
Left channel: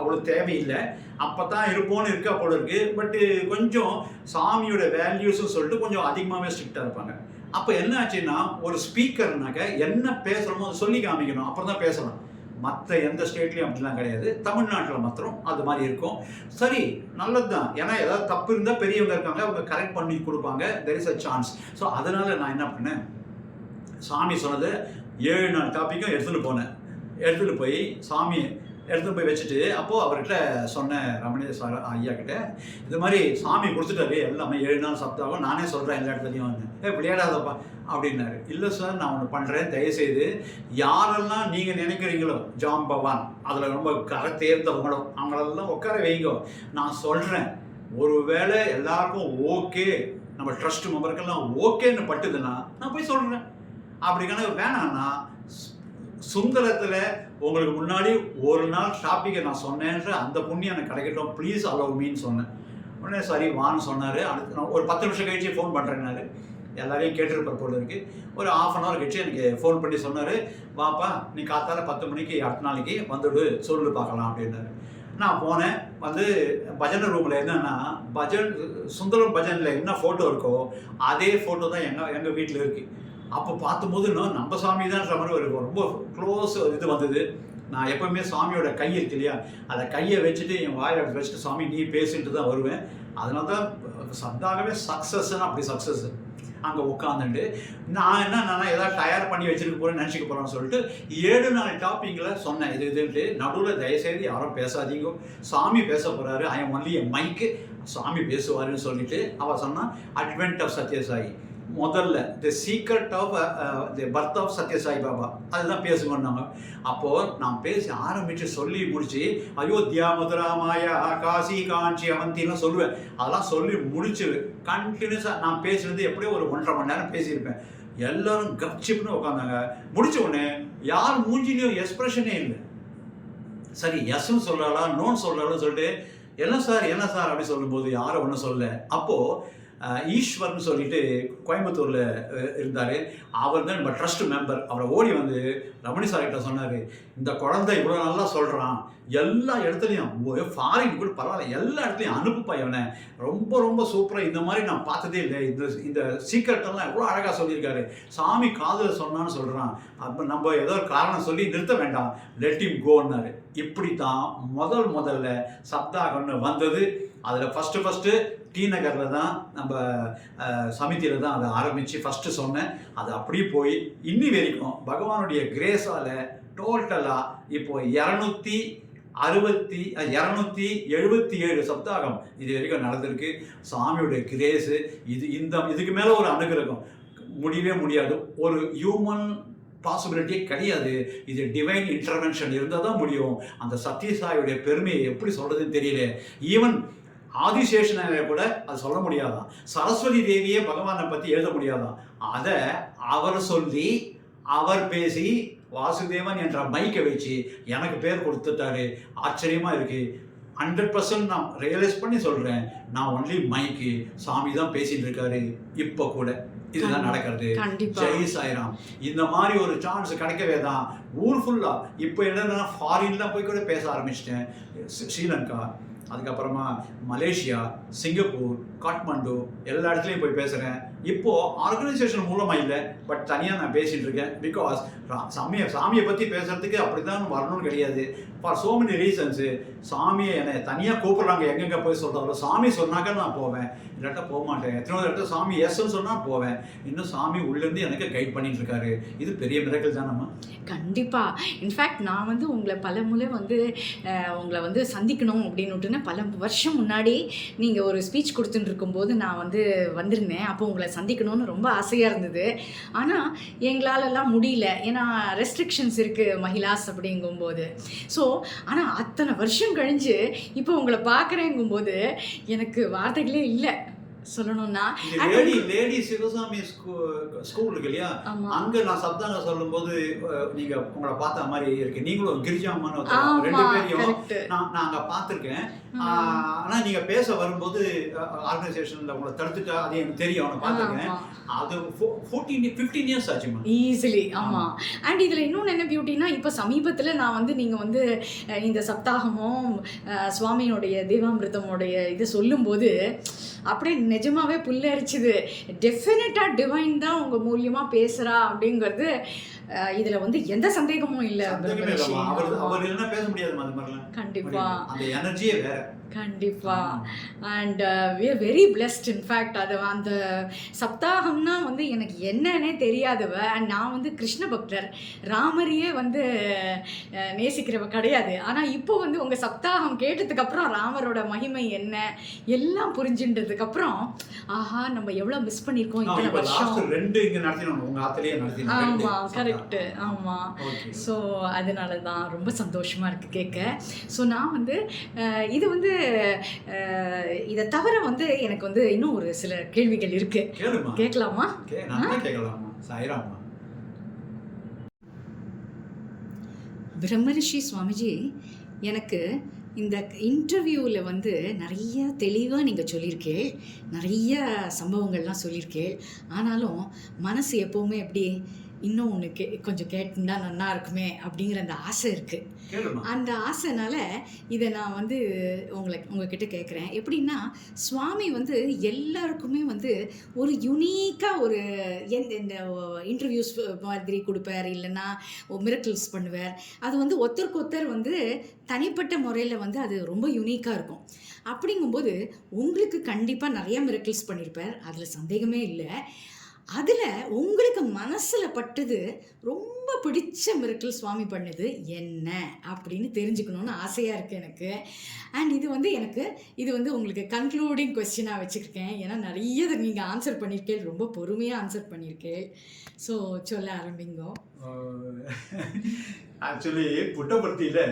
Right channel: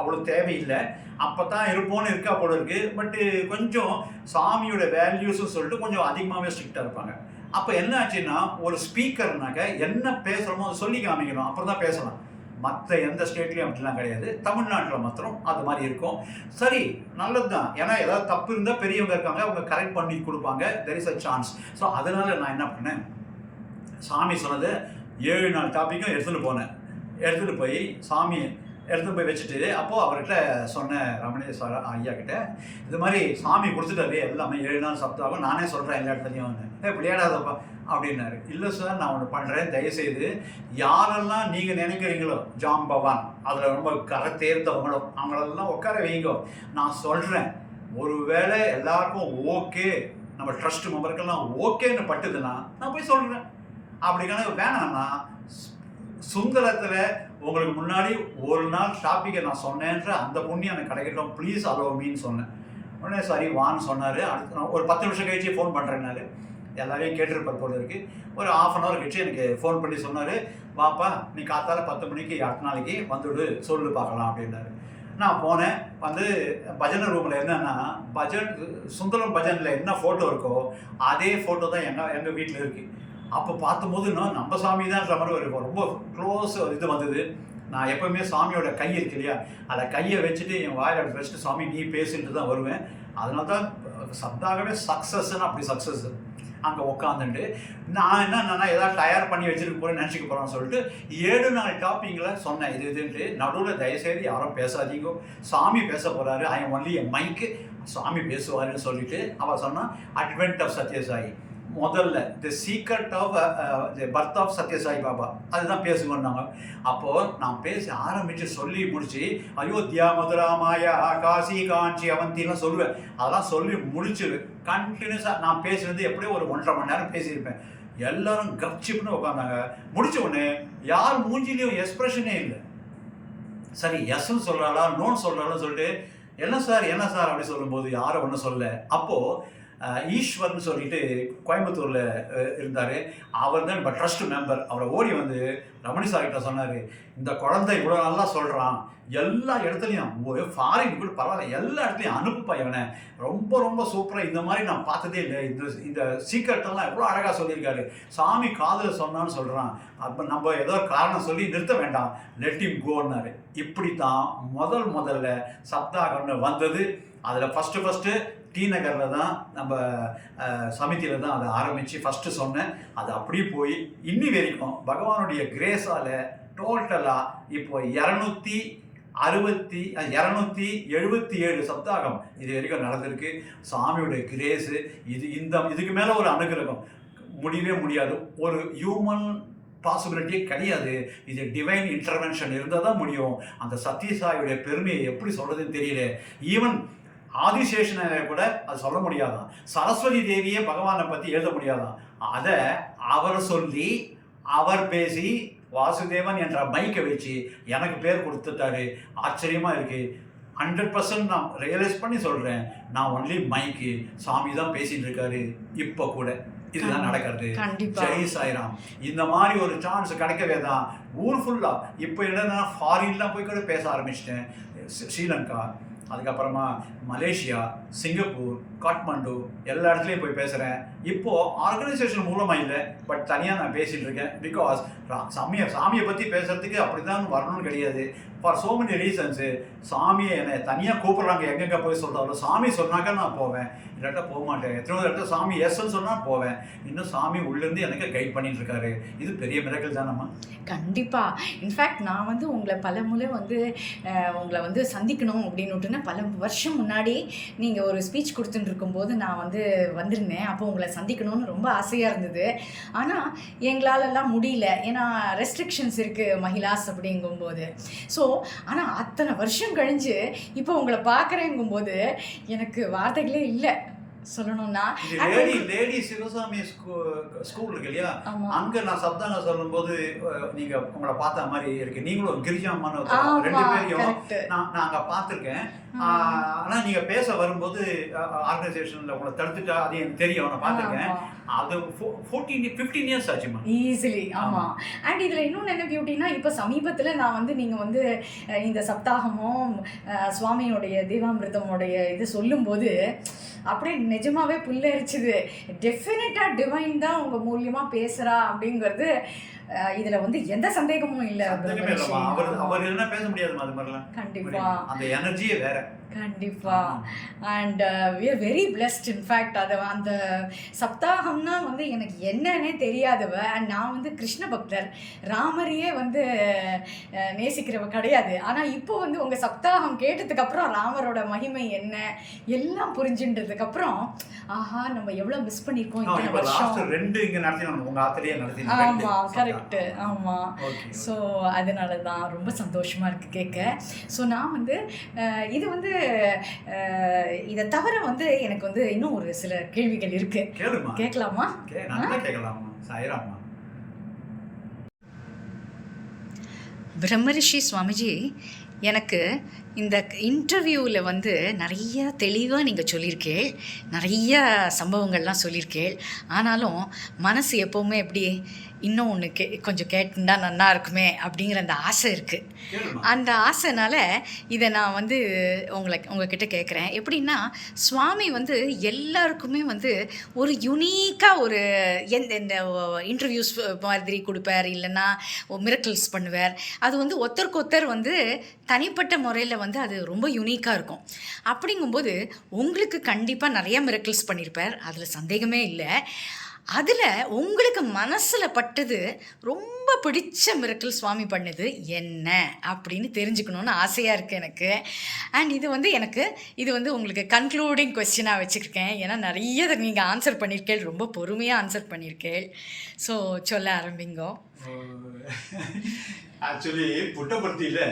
அவ்வளோ தேவையில்லை. அப்போ தான் இருப்போன்னு இருக்கா போல இருக்குது. பட்டு கொஞ்சம் சாமியோட வேல்யூஸ்ன்னு சொல்லிட்டு கொஞ்சம் அதிகமாகவே ஸ்ட்ரிக்டாக இருப்பாங்க. அப்போ என்ன ஆச்சுன்னா, ஒரு ஸ்பீக்கர்னாக்க என்ன பேசுகிறோமோ அதை சொல்லி காமிக்கணும், அப்புறம் தான் பேசலாம். மற்ற எந்த ஸ்டேட்லேயும் அப்படிலாம் கிடையாது. தமிழ்நாட்டில் மாத்திரம் அது மாதிரி இருக்கும். சரி, நல்லது தான். ஏன்னா ஏதாவது தப்பு இருந்தால் பெரியவங்க இருக்காங்க, அவங்க கரெக்ட் பண்ணி கொடுப்பாங்க. There is a chance. So அதனால் நான் என்ன பண்ணேன், சாமி சொன்னது 7 நாள் டாப்பிக்கும் எடுத்துகிட்டு போனேன். எடுத்துகிட்டு போய் சாமி எடுத்துகிட்டு போய் வச்சுட்டு, அப்போது அவர்கிட்ட சொன்னேன், ரமணேஷ் ஐயா கிட்ட, இது மாதிரி சாமி கொடுத்துட்டாரு எல்லாமே 7 நாள் சப்தாகம், நானே சொல்கிறேன் எல்லா இடத்துலையும். விளையாடாதப்பா அப்படின்னாரு. இல்லை சார், நான் ஒன்று பண்ணுறேன், தயவுசெய்து யாரெல்லாம் நீங்கள் நினைக்கிறீங்களோ ஜாம்பவான், அதில் ரொம்ப கரை தேர்ந்தவங்களோ அவங்களெல்லாம் உட்கார வைங்கோ, நான் சொல்கிறேன். ஒருவேளை எல்லாருக்கும் ஓகே, நம்ம ட்ரஸ்ட் மெம்பருக்கெல்லாம் ஓகேன்னு பட்டுதுன்னா நான் போய் சொல்கிறேன். அப்படி கணக்கு வேணான்னா, சுந்தரத்தில் உங்களுக்கு முன்னாடி ஒரு நாள் ஷாப்பிங்கை நான் சொன்னேன்ற அந்த புண்ணியம் எனக்கு கிடைக்கட்டும், ப்ளீஸ் அலோவ் மீன்னு சொன்னேன். உடனே சரி வான்னு சொன்னார். அடுத்து நான் ஒரு 10 நிமிஷம் கழிச்சு ஃபோன் பண்ணுறேன்னாரு. எல்லாரையும் கேட்டிருப்பார் போல இருக்குது. ஒரு 1/2 hour கழிச்சு எனக்கு ஃபோன் பண்ணி சொன்னார், வாப்பா நீ காத்தால 10 மணிக்கு அடுத்த நாளைக்கு வந்துடு, சொல்லு பார்க்கலாம் அப்படின்னாரு. நான் போனேன். வந்து பஜனை ரூமில் என்னென்னா, சுந்தரம் பஜனில் என்ன ஃபோட்டோ இருக்கோ அதே ஃபோட்டோ தான் எங்கள் வீட்டில் இருக்குது. அப்போ பார்க்கும்போது நம்ம சாமி தான்ன்ற மாதிரி ஒரு ரொம்ப க்ளோஸ் இது வந்தது. நான் எப்போவுமே சாமியோட கை இருக்கு இல்லையா, அதை கையை வச்சுட்டு என் வாயில் அப்படி வச்சுட்டு சாமி நீ பேசிட்டு தான் வருவேன். அதனால தான் சப்தாகவே சக்ஸஸ்ன்னு அப்படி சக்ஸஸ். அங்கே உட்காந்துட்டு நான் என்னன்னா ஏதாவது தயார் பண்ணி வச்சுருக்க போகிறேன்னு நினச்சிக்க போகிறேன்னு சொல்லிட்டு 7 நாள் டாப்பிங்கில் சொன்னேன். இதுன்ட்டு நடுவில் தயவுசெய்து யாரும் பேசாதீங்க, சாமி பேச போகிறாரு, ஐ எம் ஒன்லி என் மைக்கு, சாமி பேசுவாருன்னு சொல்லிட்டு அவள் சொன்னான். அட்வென்ட் ஆஃப் சத்யசாயி முதல்ல the secret of the birth of Sathya Sai Baba அதுதான் பேசுங்கன்னாங்க. அப்போது நான் பேசி ஆரம்பித்து சொல்லி முடித்து அயோத்தியா மதுரா மாயா காசி காஞ்சி அவந்திலாம் சொல்லுவேன். அதெல்லாம் சொல்லி முடிச்சு கண்டினியூஸாக நான் பேசுனது எப்படியோ ஒரு 1.5 மணி நேரம் பேசியிருப்பேன். எல்லோரும் கப்சிப்னு உட்காந்தாங்க. முடித்த உடனே யார் மூஞ்சிலையும் எக்ஸ்ப்ரெஷனே இல்லை. சரி எஸ்ன்னு சொல்லலாம் நோன்னு சொல்லலாம்னு சொல்லிட்டு என்ன சார் அப்படி சொல்லும்போது யாரும் ஒன்றும் சொல்லலை. அப்போது ஈஸ்வர்னு சொல்லிட்டு கோயம்புத்தூரில் இருந்தார். அவர் தான் நம்ம ட்ரஸ்ட் மெம்பர். அவரை ஓடி வந்து ரமணி சார்கிட்ட சொன்னார், இந்த குழந்தை இவ்வளோ நல்லா சொல்கிறான், எல்லா இடத்துலையும் ஃபாரின் கூட பரவாயில்ல, எல்லா இடத்துலையும் அனுப்புப்பா இவனை, ரொம்ப ரொம்ப சூப்பராக, இந்த மாதிரி நான் பார்த்ததே இல்லை, இந்த சீக்ரெட்டெல்லாம் எவ்வளோ அழகாக சொல்லியிருக்காரு, சாமி காதில் சொன்னான்னு சொல்கிறான், அப்போ நம்ம ஏதோ ஒரு காரணம் சொல்லி நிறுத்த வேண்டாம், லெட் ஹிம் கோன்னாரு. இப்படி தான் முதல்ல சப்தாகம்னு வந்தது. அதில் ஃபஸ்ட்டு டி நகரில் தான் நம்ம சமிதியில் தான் அதை ஆரம்பித்து ஃபஸ்ட்டு சொன்னேன். அது அப்படியே போய் இன்னி வரைக்கும் பகவானுடைய கிரேஸால் டோட்டலாக இப்போ 277 சப்தாகம் இது வரைக்கும் நடந்திருக்கு. சாமியுடைய கிரேஸு இதுக்கு மேலே ஒரு அனுகிரகம் முடியவே முடியாது. ஒரு ஹியூமன் பாசிபிலிட்டியே கிடையாது. இது டிவைன் இன்டர்வென்ஷன் இருந்தால் தான் முடியும். அந்த சத்யசாயுடைய பெருமையை எப்படி சொல்கிறதுன்னு தெரியல. ஈவன் ஆதிசேஷனை கூட அது சொல்ல முடியாதான். சரஸ்வதி தேவியே பகவானை பற்றி எழுத முடியாதான். அதை அவர் சொல்லி அவர் பேசி வாசுதேவன் என்ற மைக்கை வச்சு எனக்கு பேர் கொடுத்துட்டாரு. ஆச்சரியமாக இருக்குது. 100% நான் ரியலைஸ் பண்ணி சொல்கிறேன், நான் ஒன்லி மைக்கு, சாமி தான் பேசிகிட்டு இருக்காரு இப்போ கூட. இதுதான் நடக்கிறது. ஜெய் சாய்ராம். இந்த மாதிரி ஒரு சான்ஸ் கிடைக்கவே தான் ஊர் ஃபுல்லாக இப்போ என்னன்னா ஃபாரின்லாம் போய் கூட பேச ஆரம்பிச்சிட்டேன். ஸ்ரீலங்கா, அதுக்கப்புறமா மலேசியா, சிங்கப்பூர், காட்மாண்டு எல்லா இடத்துலையும் போய் பேசுகிறேன். இப்போது ஆர்கனைசேஷன் மூலமாக இல்லை, பட் தனியாக நான் பேசிகிட்டு இருக்கேன். பிகாஸ் சாமியை பற்றி பேசுகிறதுக்கு அப்படி தான் வரணும்னு கிடையாது. ஃபார் ஸோ மெனி ரீசன்ஸு சாமியை என்னை தனியாக கூப்பிட்றாங்க. எங்கெங்கே போய் சொல்கிறாலும் சாமி சொன்னாக்கா நான் போவேன், இல்லாட்டா போக மாட்டேன். எத்தனை இடத்துல சாமி எஸ்ன்னு சொன்னால் போவேன். இன்னும் சாமி உள்ளேருந்து எனக்கு கைட் பண்ணிட்டு இருக்காரு. இது பெரிய மிராக்கிள் தான். நம்ம கண்டிப்பாக இன்ஃபேக்ட் நான் வந்து உங்களை பல முறை வந்து உங்களை வந்து சந்திக்கணும் அப்படின்னுட்டுன்னு பல வருஷம் முன்னாடி நீங்கள் ஒரு ஸ்பீச் கொடுத்துட்டு இருக்கும்போது நான் வந்து வந்திருந்தேன். அப்போ உங்களை சந்திக்கணும்னு ரொம்ப ஆசையாக இருந்தது. ஆனால் எங்களாலெல்லாம் முடியல, ஏன்னா ரெஸ்ட்ரிக்ஷன்ஸ் இருக்குது மகிழாஸ் அப்படிங்கும்போது. ஸோ ஆனால் அத்தனை வருஷம் கழிஞ்சு இப்போ உங்களை பார்க்குறேங்கும்போது எனக்கு வார்த்தைகளே இல்லை. சொல்லணும்னா. இந்த லேடி சிவசாமி ஸ்கூல் இருக்கு இல்லையா, அங்க நான் சப்தாங்க சொல்லும்போது நீங்க உங்களை பார்த்த மாதிரி இருக்கு. நீங்களும் கிரிஜாமான்னு 2 பேரையும் நான் அங்க பார்த்துருக்கேன். ஆனா நீங்க பேச வரும்போது ஆர்கனைசேஷன்ல உங்களை தடுத்துட்டா அது எனக்கு தெரியும், நான் பார்த்துருக்கேன். அது 15 இயர்ஸ் ஆச்சுமா ஈஸிலி. ஆமா. அண்ட் இதுல இன்னொன்று என்ன பியூட்டினா, இப்போ சமீபத்துல நான் வந்து நீங்க வந்து இந்த சப்தாகமும் சுவாமியோடைய தேவாமிர்தமோடைய இது சொல்லும்போது அப்படியே நிஜமாவே புல்லரிச்சுது. டெஃபினட்டாக டிவைன் தான் உங்கள் மூலியமாக பேசுகிறா அப்படிங்கிறது இதில் வந்து எந்த சந்தேகமும் இல்லை. அவர் இல்லைன்னா பேச முடியாது. அது மாதிரிலாம் கண்டிப்பாக அந்த எனர்ஜியே வேற. கண்டிப்பாக. And we are very blessed. In fact அது அந்த சப்தாகம்னா வந்து எனக்கு என்னன்னே தெரியாதவ. அண்ட் நான் வந்து கிருஷ்ண பக்தர், ராமரையே வந்து நேசிக்கிறவ கிடையாது. ஆனால் இப்போ வந்து உங்கள் சப்தாகம் கேட்டதுக்கப்புறம் ராமரோட மகிமை என்ன எல்லாம் புரிஞ்சுன்றதுக்கப்புறம் ஆஹா நம்ம எவ்வளோ மிஸ் பண்ணியிருக்கோம் இத்தனை வருஷம். 2 இங்கே நடத்தினோம், உங்கள் ஆத்திலேயே நடத்தினோம். ஆமாம், கரெக்டு. ஆமாம். ஸோ அதனால தான் ரொம்ப சந்தோஷமாக இருக்குது கேட்க. ஸோ நான் வந்து இது வந்து இதை தவிர வந்து எனக்கு வந்து இன்னும் ஒரு சில கேள்விகள் இருக்கு. கேட்கலாமா? கேட்கலாமா? சாய்ராமா. பிரம்மரிஷி சுவாமிஜி, எனக்கு இந்த இன்டர்வியூவில் வந்து நிறைய தெளிவாக நீங்கள் சொல்லியிருக்கேள், நிறைய சம்பவங்கள்லாம் சொல்லியிருக்கேள். ஆனாலும் மனசு எப்போவுமே எப்படி இன்னும் ஒன்று கொஞ்சம் கேட்டுண்டா நல்லா இருக்குமே அப்படிங்கிற அந்த ஆசை இருக்குது. அந்த ஆசைனால இதை நான் வந்து உங்ககிட்ட கேட்குறேன். எப்படின்னா, சுவாமி வந்து எல்லாருக்குமே வந்து ஒரு யுனீக்காக ஒரு இந்த இன்டர்வியூஸ் மாதிரி கொடுப்பார், இல்லைன்னா மிரக்கிள்ஸ் பண்ணுவார். அது வந்து ஒருத்தருக்கு ஒருத்தர் வந்து தனிப்பட்ட முறையில் வந்து அது ரொம்ப யுனீக்காக இருக்கும். அப்படிங்கும்போது உங்களுக்கு கண்டிப்பாக நிறைய மிரக்கிள்ஸ் பண்ணியிருப்பார், அதில் சந்தேகமே இல்லை. அதில் உங்களுக்கு மனசில் பட்டது ரொம்ப பிடிச்ச மிரக்கிள் சுவாமி பண்ணது என்ன அப்படின்னு தெரிஞ்சுக்கணுன்னு ஆசையாக இருக்குது எனக்கு. அண்ட் இது வந்து உங்களுக்கு கன்க்ளூடிங் கொஸ்டினாக வச்சுருக்கேன். ஏன்னா நிறைய நீங்கள் ஆன்சர் பண்ணியிருக்கேள், ரொம்ப பொறுமையாக ஆன்சர் பண்ணியிருக்கேள். ஸோ சொல்ல ஆரம்பிங்கோ. ஆக்சுவலி புட்டபர்த்தியில்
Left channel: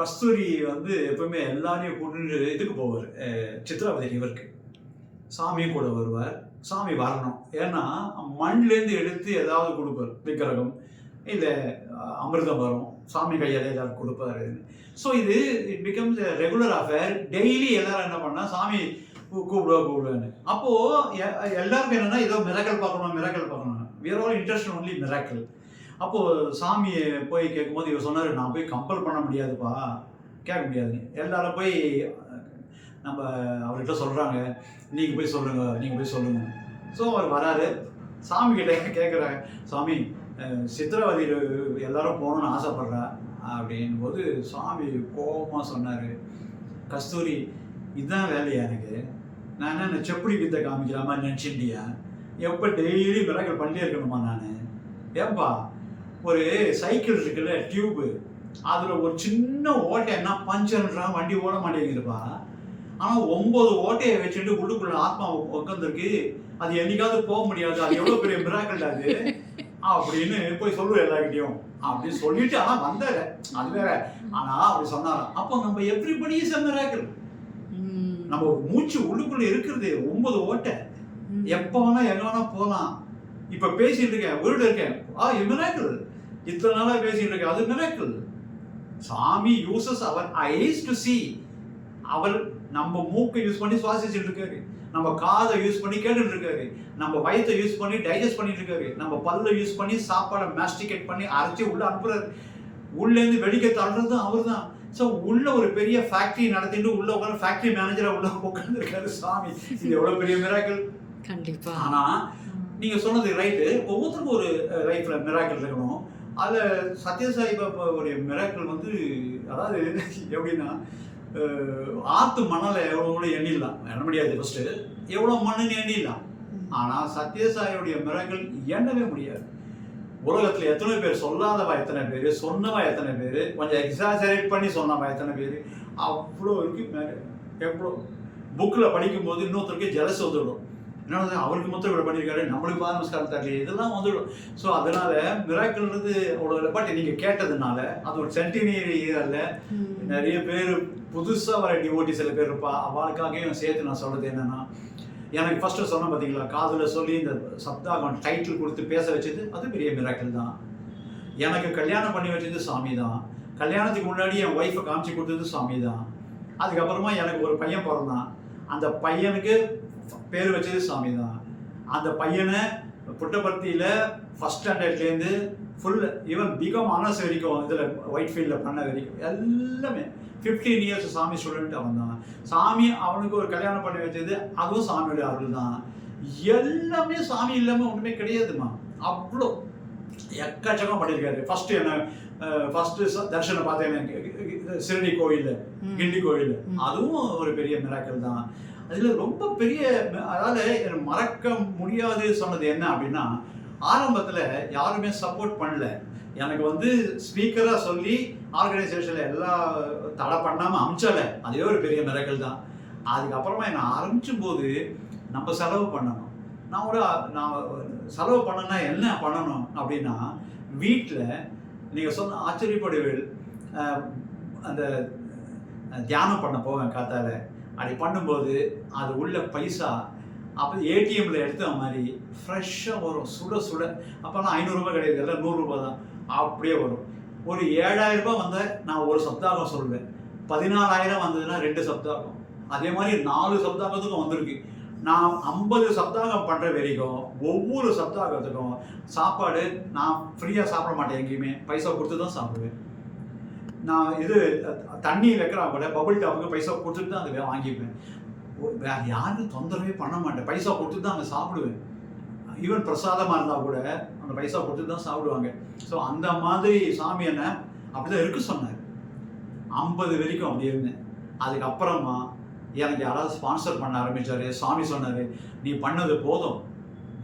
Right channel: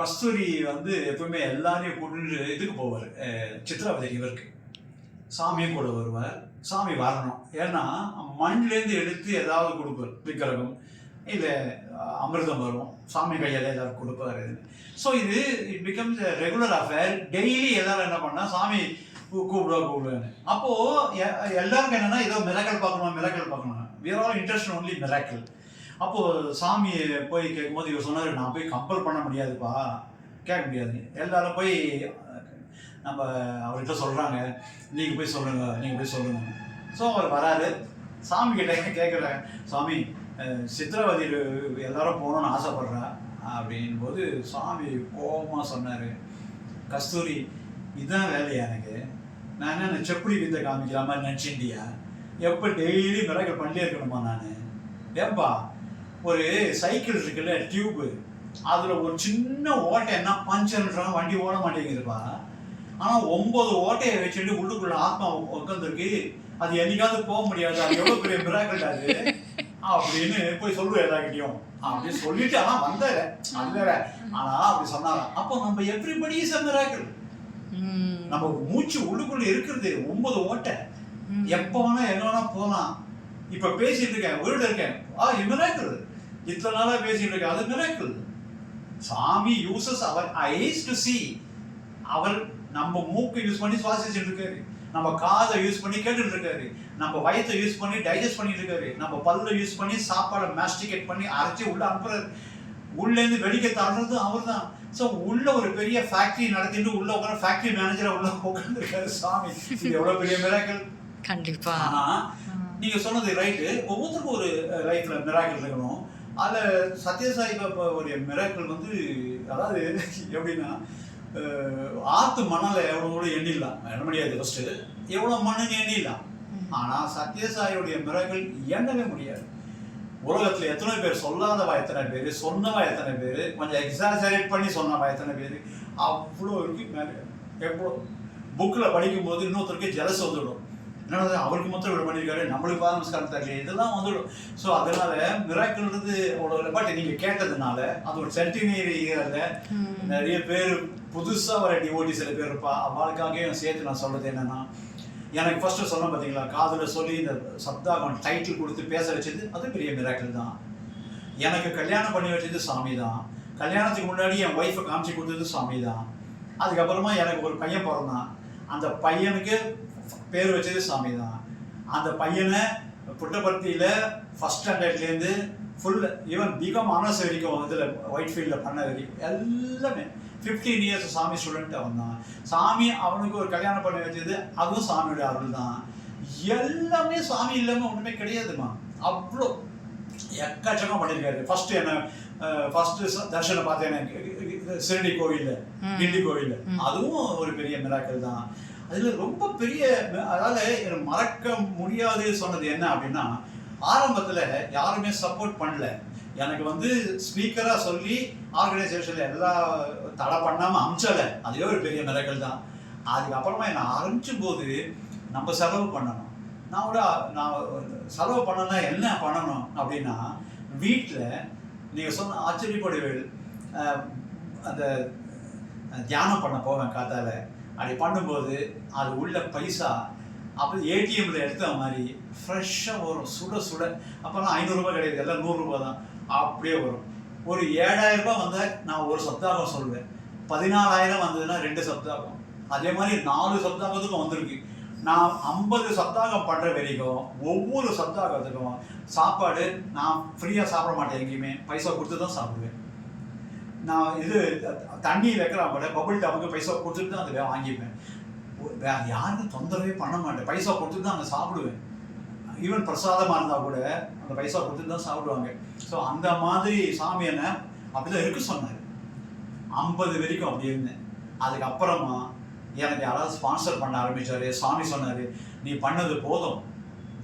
கஸ்தூரி வந்து எப்பவுமே எல்லாரையும் கூட்டு இதுக்கு போவார், சித்ராவதி ரிவருக்கு. சாமியும் கூட வருவார். சாமி வரணும், ஏன்னா மண்லேருந்து எடுத்து ஏதாவது கொடுப்பார், விக்கிரகம் இல்லை அமிர்தம் வரும், சாமி கையால் ஏதாவது கொடுப்பாரு. So it becomes regular affair. Daily எல்லாரும் என்ன பண்ணால் சாமி கூப்பிடுவான்னு. அப்போது எல்லாருக்கும் என்னென்னா ஏதோ மிராக்கிள் பார்க்கணும். we are all interested only miracle. அப்போது சாமியை போய் கேட்கும்போது இவர் சொன்னார், நான் போய் கம்பல் பண்ண முடியாதுப்பா, கேட்க முடியாது. எல்லாரும் போய் நம்ம அவர்கிட்ட சொல்கிறாங்க, நீங்கள் போய் சொல்லுங்கள். ஸோ அவர் வராரு, சாமி கிட்ட கேட்குறாங்க, சாமி சித்ராவதியில் எல்லாரும் போகணுன்னு ஆசைப்பட்றா அப்படின்போது சாமி கோபமாக சொன்னார், கஸ்தூரி இதுதான் வேலையா எனக்கு? நான் என்ன செப்படி வித்தை காமிக்கிற மாதிரி நினச்சிண்டியா? எப்போ டெய்லி மிராக்கிள் பண்ணிட்டே இருக்கணுமா நான்? ஏன்பா ஒரு சைக்கிள் இருக்குல்ல, டியூப்பு, அதில் ஒரு சின்ன ஓட்டை என்ன பஞ்சர்ன்றாங்க, வண்டி ஓட மாட்டேங்குதுப்பா. ஆனால் 9 ஓட்டையை வச்சுட்டு உள்ளுக்குள்ள ஆத்மா உட்காந்துருக்கு, அது என்னைக்காவது போக முடியாது, அது எவ்வளோ பெரிய மிராக்கிள் அது அப்படின்னு போய் சொல்லுவேன் எல்லார்கிட்டையும். அப்படி சொல்லிட்டு ஆனால் வந்தாரு, அது வேற. ஆனால் அப்படி சொன்னாராம். அப்போ நம்ம எவ்ரிபடி இஸ் எ மிராக்கிள். நம்ம மூச்சு உள்ளுக்குள்ள இருக்கிறது 9 ஓட்டை, எப்போ வேணா எங்க வேணா போகலாம். இப்போ பேசிட்டு இருக்கேன், வீடு இருக்கேன், மிராக்கிள். இத்தனை நாளாக பேசிட்டு இருக்கேன், அது மிராக்கிள். சாமி uses our eyes to see. அவர் நம்ம மூக்கை யூஸ் பண்ணி சுவாசிச்சுட்டு இருக்காரு, நம்ம காதை யூஸ் பண்ணி கேட்டுட்டு இருக்காரு, நம்ம வயிற்றை யூஸ் பண்ணி டைஜஸ்ட் பண்ணிட்டு இருக்காரு, நம்ம பல்லை யூஸ் பண்ணி சாப்பாடை மாஸ்டிகேட் பண்ணி அரைச்சி உள்ள அனுப்புறாரு, உள்ளேருந்து வெளியே தள்ளுறதும் அவர் தான். ஸோ உள்ள ஒரு பெரிய ஃபேக்ட்ரி நடத்திட்டு உள்ள உட்காந்து ஃபேக்ட்ரி மேனேஜராக உள்ள உட்காந்துருக்காரு சாமி. இது எவ்வளோ பெரிய மிராக்கிள். கண்டிப்பாக. ஆனால் நீங்கள் சொன்னது ரைட்டு, ஒவ்வொருத்தருக்கும் ஒரு லைஃப்பில் மிராக்கிள் இருக்கணும். அதில் சத்யசாய் பாபாவுடைய மிராக்கிள் வந்து, அதாவது எப்படின்னா, ஆற்று மணலை எவ்வளோ எண்ணிடலாம், எண்ண முடியாது. ஃபஸ்ட்டு எவ்வளோ மண்ணுன்னு எண்ணிடலாம். ஆனால் சத்யசாயோடைய மிராக்கிள் எண்ணவே முடியாது. உலகத்தில் எத்தனை பேர் சொல்லாதவா, எத்தனை பேர் சொன்னவா, எத்தனை பேர் கொஞ்சம் எக்ஸாஜரேட் பண்ணி சொன்னவா, எத்தனை பேர், அவ்வளோ இருக்கு மேலே. எவ்வளோ புக்கில் படிக்கும்போது இன்னொருத்தருக்கு ஜெலஸ் வந்துவிடும், என்னது அவருக்கு மொத்தம் இவ்வளோ பண்ணியிருக்காரு, நம்மளுக்கு பாத நமஸ்காரம் தரல, இதெல்லாம் வந்துவிடும். ஸோ அதனால மிராக்கிள்ன்றது அவ்வளோ இல்லை. பட் நீங்கள் கேட்டதுனால அது ஒரு சென்டினரி இயரில் நிறைய பேர் புதுசாக வர டிவோட்டி சில பேர் இருப்பா, அவளுக்காகவும் சேர்த்து நான் சொல்கிறது என்னென்னா, எனக்கு ஃபஸ்ட்டு சொன்னேன் பார்த்தீங்களா, காதில் சொல்லி இந்த சப்தாகம் டைட்டில் கொடுத்து பேச வச்சது அது பெரிய மிராக்கிள் தான். எனக்கு கல்யாணம் பண்ணி வச்சது சாமி தான். கல்யாணத்துக்கு முன்னாடி என் ஒய்ஃபை காமிச்சு கொடுத்தது சாமி தான். அதுக்கப்புறமா எனக்கு ஒரு பையன் பிறந்தான், அந்த பையனுக்கு பேர் வச்சது சாமி தான். அந்த பையனை புட்டபர்த்தியில் ஃபஸ்ட் ஸ்டாண்டர்ட்லேருந்து ஃபுல் ஈவன் பிகாம் ஆனர்ஸ் வரைக்கும் இதில் ஒயிட் ஃபீல்டில் பண்ண வரைக்கும் எல்லாமே 15 இயர்ஸ் சாமி ஸ்டூடெண்ட் அவன் தான். சாமி அவனுக்கு ஒரு கல்யாணம் பண்ணி வச்சது அதுவும் சாமியோட அருள் தான். எல்லாமே சாமி இல்லாமல் ஒன்றுமே கிடையாதுமா. அவ்வளோ எக்கச்சக்கம் பண்ணியிருக்காரு. ஃபஸ்ட்டு என்ன ஃபஸ்ட்டு தர்ஷனை பார்த்தேன் சிறுடி கோவிலில், கிண்டி கோவிலில், அதுவும் ஒரு பெரிய மிராக்கல் தான். அதில் ரொம்ப பெரிய, அதாவது மறக்க முடியாது சொன்னது என்ன அப்படின்னா, ஆரம்பத்தில் யாருமே சப்போர்ட் பண்ணல. எனக்கு வந்து ஸ்பீக்கராக சொல்லி ஆர்கனைசேஷனில் எல்லா தடை பண்ணாமல் அமிச்சலை, அதே ஒரு பெரிய மிராக்கல் தான். அதுக்கப்புறமா என்னை ஆரம்பிச்சும் போது நம்ம செலவு பண்ணணும். நான் செலவு பண்ணனா என்ன பண்ணணும் அப்படின்னா, வீட்டில் நீங்கள் சொன்ன ஆச்சரியப்படுவேல், அந்த தியானம் பண்ண போவேன் காத்தால. அப்படி பண்ணும்போது அது உள்ள பைசா அப்போ ஏடிஎம்மில் எடுத்த மாதிரி ஃப்ரெஷ்ஷாக வரும், சுட சுட. அப்போல்லாம் 500 ரூபாய் கிடையாது, எல்லாம் 100 ரூபா தான். அப்படியே வரும். ஒரு 7000 ரூபாய் வந்தால் நான் ஒரு சப்தாகம் சொல்வேன். 14,000 வந்ததுன்னா 2 சப்தாகம். அதே மாதிரி 4 சப்தாகத்துக்கும் வந்திருக்கு. நான் 50 சப்தாகம் பண்ணுற வரைக்கும் ஒவ்வொரு சப்தாகத்துக்கும் சாப்பாடு நான் ஃப்ரீயாக சாப்பிட மாட்டேன், எங்கேயுமே பைசா கொடுத்து தான் சாப்பிடுவேன். நான் இது தண்ணி வைக்கிறான் கூட பபுள் டாப்புக்கு பைசா கொடுத்துட்டு தான் அதை வாங்கிப்பேன். வேறு யாருக்கும் தொந்தரவே பண்ண மாட்டேன், பைசா கொடுத்துட்டு தான் அங்கே சாப்பிடுவேன். ஈவன் பிரசாதமாக இருந்தால் கூட அந்த பைசா கொடுத்துட்டு தான் சாப்பிடுவாங்க. ஸோ அந்த மாதிரி சாமி என்ன அப்படி தான் இருக்க சொன்னார். 50 வரைக்கும் அப்படி இருந்தேன். அதுக்கப்புறமா எனக்கு யாராவது ஸ்பான்சர் பண்ண ஆரம்பித்தார். சாமி சொன்னார், நீ பண்ணது போதும்,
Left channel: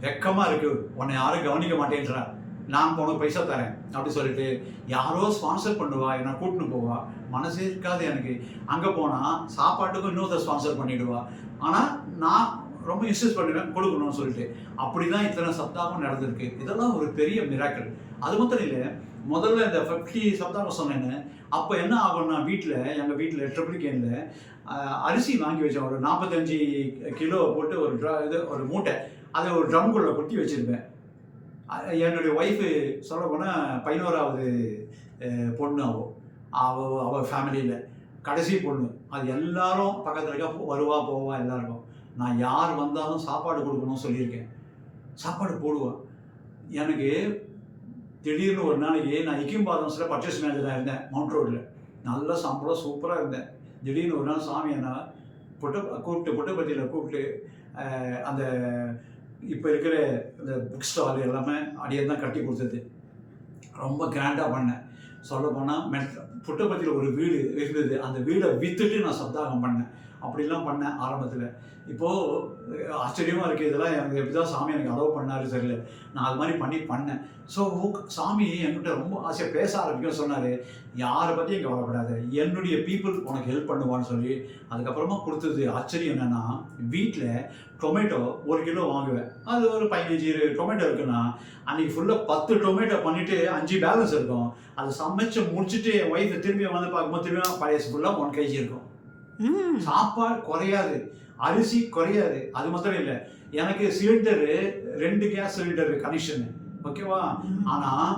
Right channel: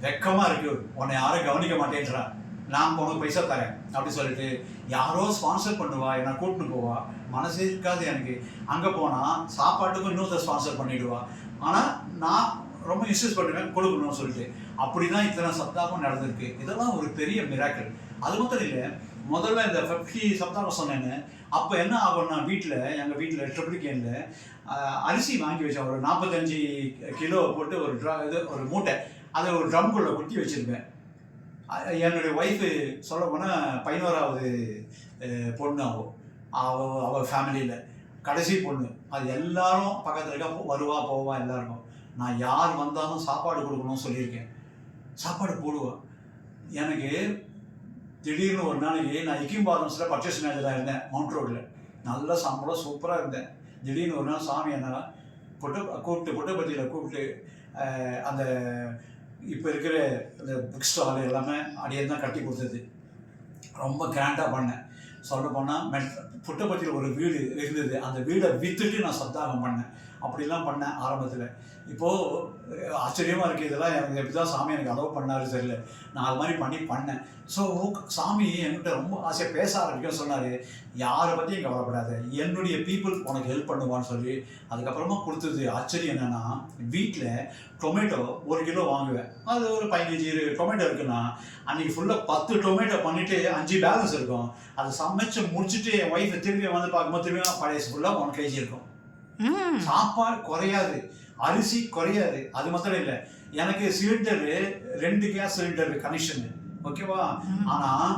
வெக்கமாக இருக்குது, உன்னை யாரும் கவனிக்க மாட்டேன்றா, நான் உனக்கு பைசா தரேன் அப்படி சொல்லிட்டு யாரோ ஸ்பான்சர் பண்ணுவா, என்னை கூட்டின்னு போவா. மனசே இருக்காது எனக்கு. அங்கே போனால் சாப்பாட்டுக்கும் இன்னொருத்தர் ஸ்பான்சர் பண்ணிவிடுவா. ஆனால் நான் ரொம்ப இன்சிஸ்ட் பண்ணுவேன் கொடுக்கணும்னு சொல்லிட்டு. அப்படி தான் இத்தனை சப்தாகம் நடந்திருக்கு. இதெல்லாம் ஒரு பெரிய மிராக்கிள். அது மட்டும் இல்லை, முதல்ல இந்த 50 சப்தாகம் சொன்னேன்னு அப்போ என்ன ஆகும்னா, எங்கள் வீட்டில் ட்ரிப்ளிகேனில் அரிசி வாங்கி வச்சேன். ஒரு 45 கிலோ போட்டு ஒரு மூட்டை, அதை ஒரு ட்ரம்குள்ளே கொட்டி வச்சுருப்பேன். என்னுடைய ஒய்ஃபு சொல்ல போனால் 11வது பொண்ணு. அவள் ஃபேமிலியில் கடைசி பொண்ணு. அது எல்லாரும் பக்கத்தில் இருக்க வருவா போவா எல்லாருக்கும். நான் யார் வந்தாலும் சாப்பாடு கொடுக்கணும்னு சொல்லியிருக்கேன். சாப்பாடு போடுவேன். எனக்கு திடீர்னு ஒரு நாளைக்கு நான் இக்கிம்பாதம்ஸில் பர்ச்சேஸ் மேனேஜராக இருந்தேன், மவுண்ட் ரோடில். நல்ல சம்பளம், சூப்பராக இருந்தேன். திடீர்னு ஒரு நாள் சாமி என்ன புட்டபர்த்தியில் கூப்பிட்டு அந்த இப்போ இருக்கிற இந்த புக் ஸ்டால் எல்லாமே அடியே தான் கட்டி கொடுத்தது. ரொம்ப கிராண்டாக பண்ணேன். சொல்ல போனால் புட்டபர்த்தியில் ஒரு வீடு இருந்தது, அந்த வீடை விற்றுட்டு நான் சப்தாகம் பண்ணேன். அப்படிலாம் பண்ணேன் ஆரம்பத்தில். இப்போது ஆச்சரியமாக இருக்குது, இதெல்லாம் எனக்கு எப்படி தான் சாமி எனக்கு அலோவ் பண்ணார் தெரியல. நான் அது மாதிரி பண்ணேன். ஸோ சாமி என்கிட்ட ரொம்ப ஆசையாக பேச ஆரம்பிக்கும். சொன்னார், யாரை பற்றியும் கவலைப்படாத, என்னுடைய பீப்புள் உனக்கு ஹெல்ப் பண்ணுவான்னு சொல்லி. அதுக்கப்புறமா கொடுத்தது ஆச்சரியம் என்னென்னா, வீட்டில் டொமேட்டோ 1 கிலோ வாங்குவேன். அது ஒரு 15 டொமேட்டோ இருக்குன்னா அன்றைக்கி ஃபுல்லாக 10 டொமேட்டோ பண்ணிவிட்டு 5 பேலன்ஸ் இருக்கும். அதை சமைச்சு முடிச்சுட்டு என் ஒய்ஃபை திரும்பி வந்து பார்க்கும்போது திரும்பியும் பழைய ஃபுல்லாக 1 kg இருக்கும். சாப்பாடு குறையாது, அரிசி குறையாது. அது மட்டும் இல்லை, எனக்கு சிலிண்டரு 2 கேஸ் சிலிண்டர் கனெக்ஷனு, ஓகேவா. ஆனால்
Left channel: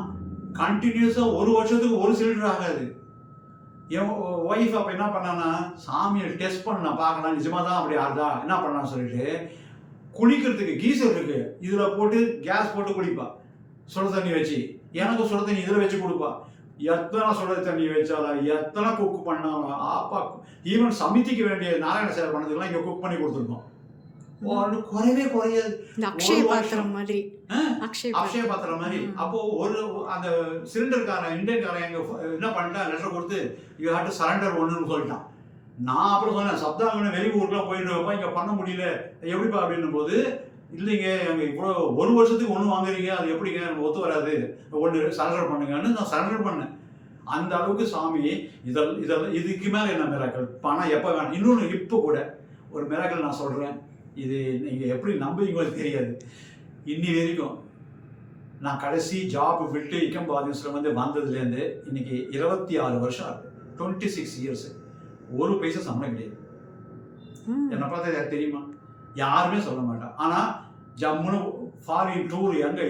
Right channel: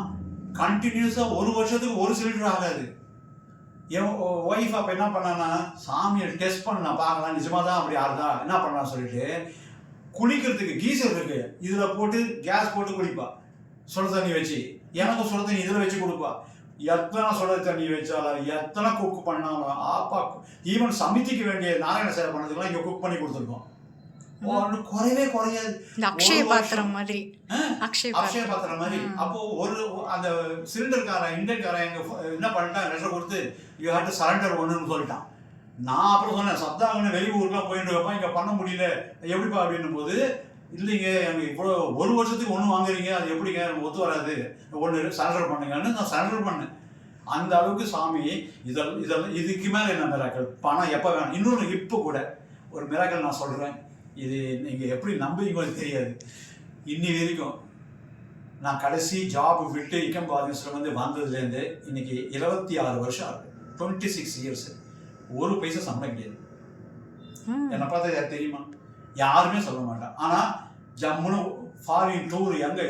கண்டினியூஸாக 1 வருஷத்துக்கு 1 சிலிண்டர் ஆகாது. என் ஒய்ஃப் அப்போ என்ன பண்ணான்னா, சாமியை டெஸ்ட் பண்ண பார்க்கலாம் நிஜமாக தான் அப்படி ஆறுதா என்ன பண்ணலான்னு சொல்லிட்டு, குளிக்கிறதுக்கு கீசர் இருக்குது, இதில் போட்டு கேஸ் போட்டு குளிப்பா, சுட தண்ணி வச்சு. எனக்கும் சுட தண்ணி இதில் வச்சு கொடுப்பா. எத்தனை சுட தண்ணி வச்சாலும், எத்தனை குக் பண்ணாலும், ஆப்பா ஈவன் சமிதிக்கு வேண்டிய நாராயண சேவை பண்ணதுக்கெல்லாம் இங்கே குக் பண்ணி கொடுத்துருக்கோம். குறையவே குறையாது. அக்ஷய பாத்திரம் மாதிரி. அக்ஷய பாத்திரம் மாதிரி. அப்போ அந்த சிலிண்டர்காரன் இந்தியன்காரன் எங்க என்ன பண்ணிட்டான், லெட்டர் கொடுத்து யூ ஹேவ் டு சரண்டர் ஒன்றுன்னு சொல்லிட்டான். நான் அப்புறம் சொன்னேன், சப்தாகம்னு வெளியூருக்குலாம் போயிட்டு வைப்பா, இங்கே பண்ண முடியல எப்படிப்பா அப்படின்னும் போது, இல்லைங்க எங்கள் இவ்வளோ 1 வருஷத்துக்கு 1 வாங்குறீங்க, அது எப்படிங்க நம்ம ஒத்து வராது, 1 சரண்டர் பண்ணுங்கன்னு நான் சரண்டர் பண்ணேன். அந்த அளவுக்கு சாமி இதெல்லாம் இதுக்கு மேலே என்ன மிராக்கள், பணம் எப்போ வேணும். இன்னொன்று இப்போ கூட ஒரு மிராக்கள் நான் சொல்கிறேன், இது நீங்கள் எப்படி நம்புவீங்களோ தெரியாது. இன்னி வரைக்கும் நான் கடைசி ஜாப் விட்டு இக்கம்பாதன்ஸில் வந்ததுலேருந்து இன்றைக்கி 26 வருஷம் ஆகுது, 26 இயர்ஸு. ஒரு பைசா சம்பளம் கிடையாது. என்னை பார்த்தா யார் தெரியுமா? யாருமே சொல்ல மாட்டான். ஆனால் ஜம்முன்னு ஃபாரின் டூர் எங்கே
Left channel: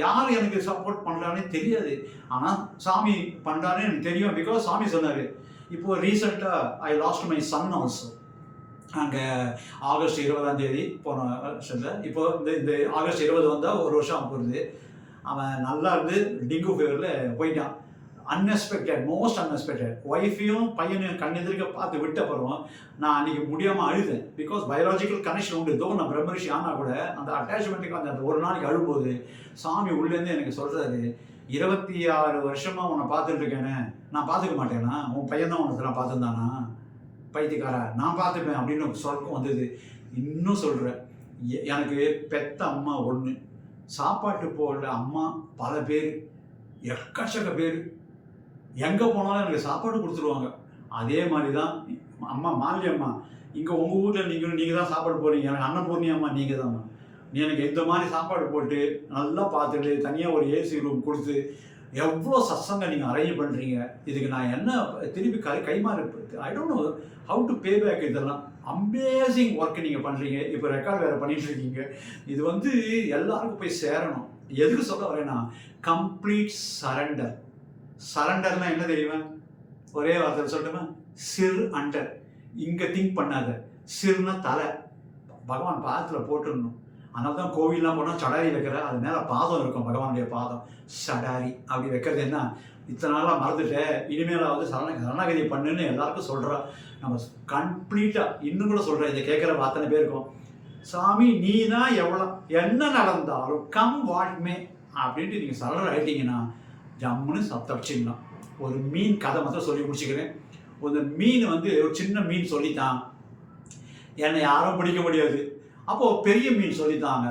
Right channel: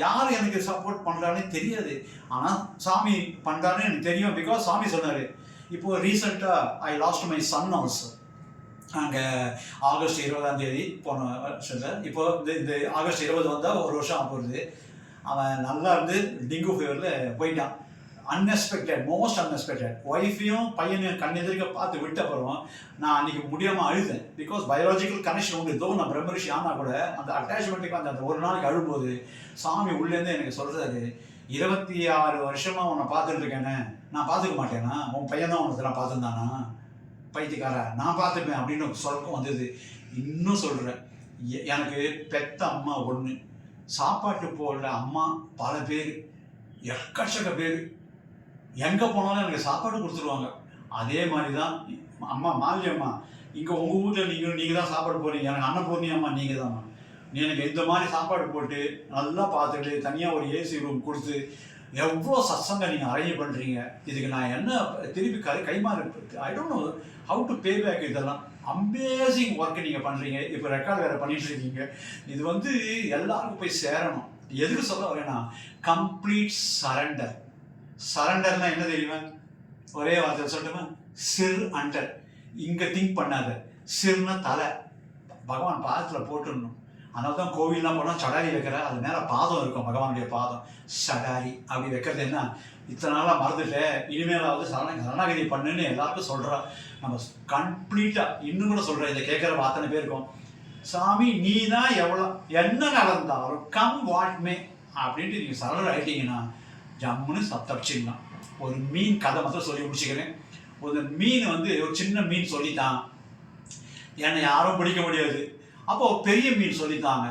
யார் எனக்கு சப்போர்ட் பண்ணுறானே தெரியாது. ஆனால் சாமி பண்ணுறானே எனக்கு தெரியும். பிகாஸ் சாமி சொன்னார். இப்போது ரீசெண்டாக ஐ லாஸ்ட் மை சன் ஆல்சோ. அங்கே ஆகஸ்ட் 20 போன வருஷத்தில். இப்போ இந்த ஆகஸ்ட் 20 வந்தால் ஒரு வருஷம் ஆக போகுது. அவன் நல்லா இருந்து டெங்கு ஃபீவரில் போயிட்டான். Unexpected, most unexpected. ஒய்ஃபையும் பையனையும் கண்ணெதிர்க்க பார்த்து விட்ட அப்புறம் நான் அன்றைக்கி முடியாமல் அழுதேன். பிகாஸ் பயாலஜிக்கல் கனெக்ஷன் உண்டு. இதோ நான் பிரம்மரிஷி ஆனால் கூட அந்த அட்டாச்மெண்ட்டுக்கு அந்த ஒரு நாளைக்கு அழும்போது சாமி உள்ளேருந்து எனக்கு சொல்கிறாரு, 26 வருஷமாக உன்னை பார்த்துட்டு இருக்கேனே, நான் பார்த்துக்க மாட்டேனா? உன் பையன் தான் உனக்கு நான் பார்த்துருந்தானா? பைத்தியக்காரா, நான் பார்த்துப்பேன் அப்படின்னு சொல்கம் வந்தது. இன்னும் சொல்கிறேன், எனக்கு பெத்த அம்மா ஒன்று, சாப்பாட்டு போடுற அம்மா பல பேர், எக்கச்சக்க பேர். எங்கே போனாலும் எனக்கு சாப்பாடு கொடுத்துருவாங்க. அதே மாதிரி தான் அம்மா மாலி அம்மா, இங்கே உங்கள் ஊரில் நீங்கள் தான் சாப்பாடு போடுறீங்க. எனக்கு அன்னபூர்ணி அம்மா நீங்கள் தான்ம்மா. நீ எனக்கு இந்த மாதிரி சாப்பாடு போட்டு நல்லா பார்த்துட்டு தனியாக ஒரு ஏசி ரூம் கொடுத்து எவ்வளோ சத்சங்கம் நீங்கள் அரேஞ்ச் பண்ணுறீங்க. இதுக்கு நான் என்ன திருப்பி கைமாறு, I don't know how to pay back. இதெல்லாம் அமேசிங் ஒர்க்கு நீங்கள் பண்ணுறீங்க. இப்போ ரெக்கார்ட் வேறு பண்ணிட்டு இருக்கீங்க. இது வந்து எல்லாருக்கும் போய் சேரணும். எதுக்கு சொல்ல வரேன்னா, கம்ப்ளீட் சரண்டர். சரண்டர்னா என்ன தெரியுமா? ஒரே வார்த்தை சொல்லட்டுமா? சிர் அண்டர். இங்கே திங்க் பண்ணாத. சிர்னா தலை, பகவான் பாதத்தில் போட்டுடணும். அதனால தான் கோவில்லாம் போனால் சடாரி வைக்கிற, அது மேலே பாதம் இருக்கும், பகவானுடைய பாதம். சடாரி அப்படி வைக்கிறது என்ன, இத்தனை நாளாக மறந்துட்டேன், இனிமேலாவது சரணாகதி பண்ணுன்னு எல்லாருக்கும் சொல்கிறோம். நம்ம கம்ப்ளீட்டாக இன்னும் கூட சொல்கிறேன், இதை கேட்குற அத்தனை பேருக்கும், சாமி நீ தான் எவ்வளோ என்ன நடந்தாலும் கம் வாட்மே அப்படின்ட்டு நீங்கள் சரணர் ஆகிட்டீங்கன்னா ஜம்முன்னு தப்பிச்சிடலாம். ஒரு மீன் கதை மட்டும் சொல்லி முடிச்சுக்கிறேன். ஒரு மீன் வந்து ஒரு சின்ன மீன் சொல்லித்தான், என்னை யாரும் பிடிக்க முடியாது. அப்போது பெரிய மீன் சொல்லித்தாங்க,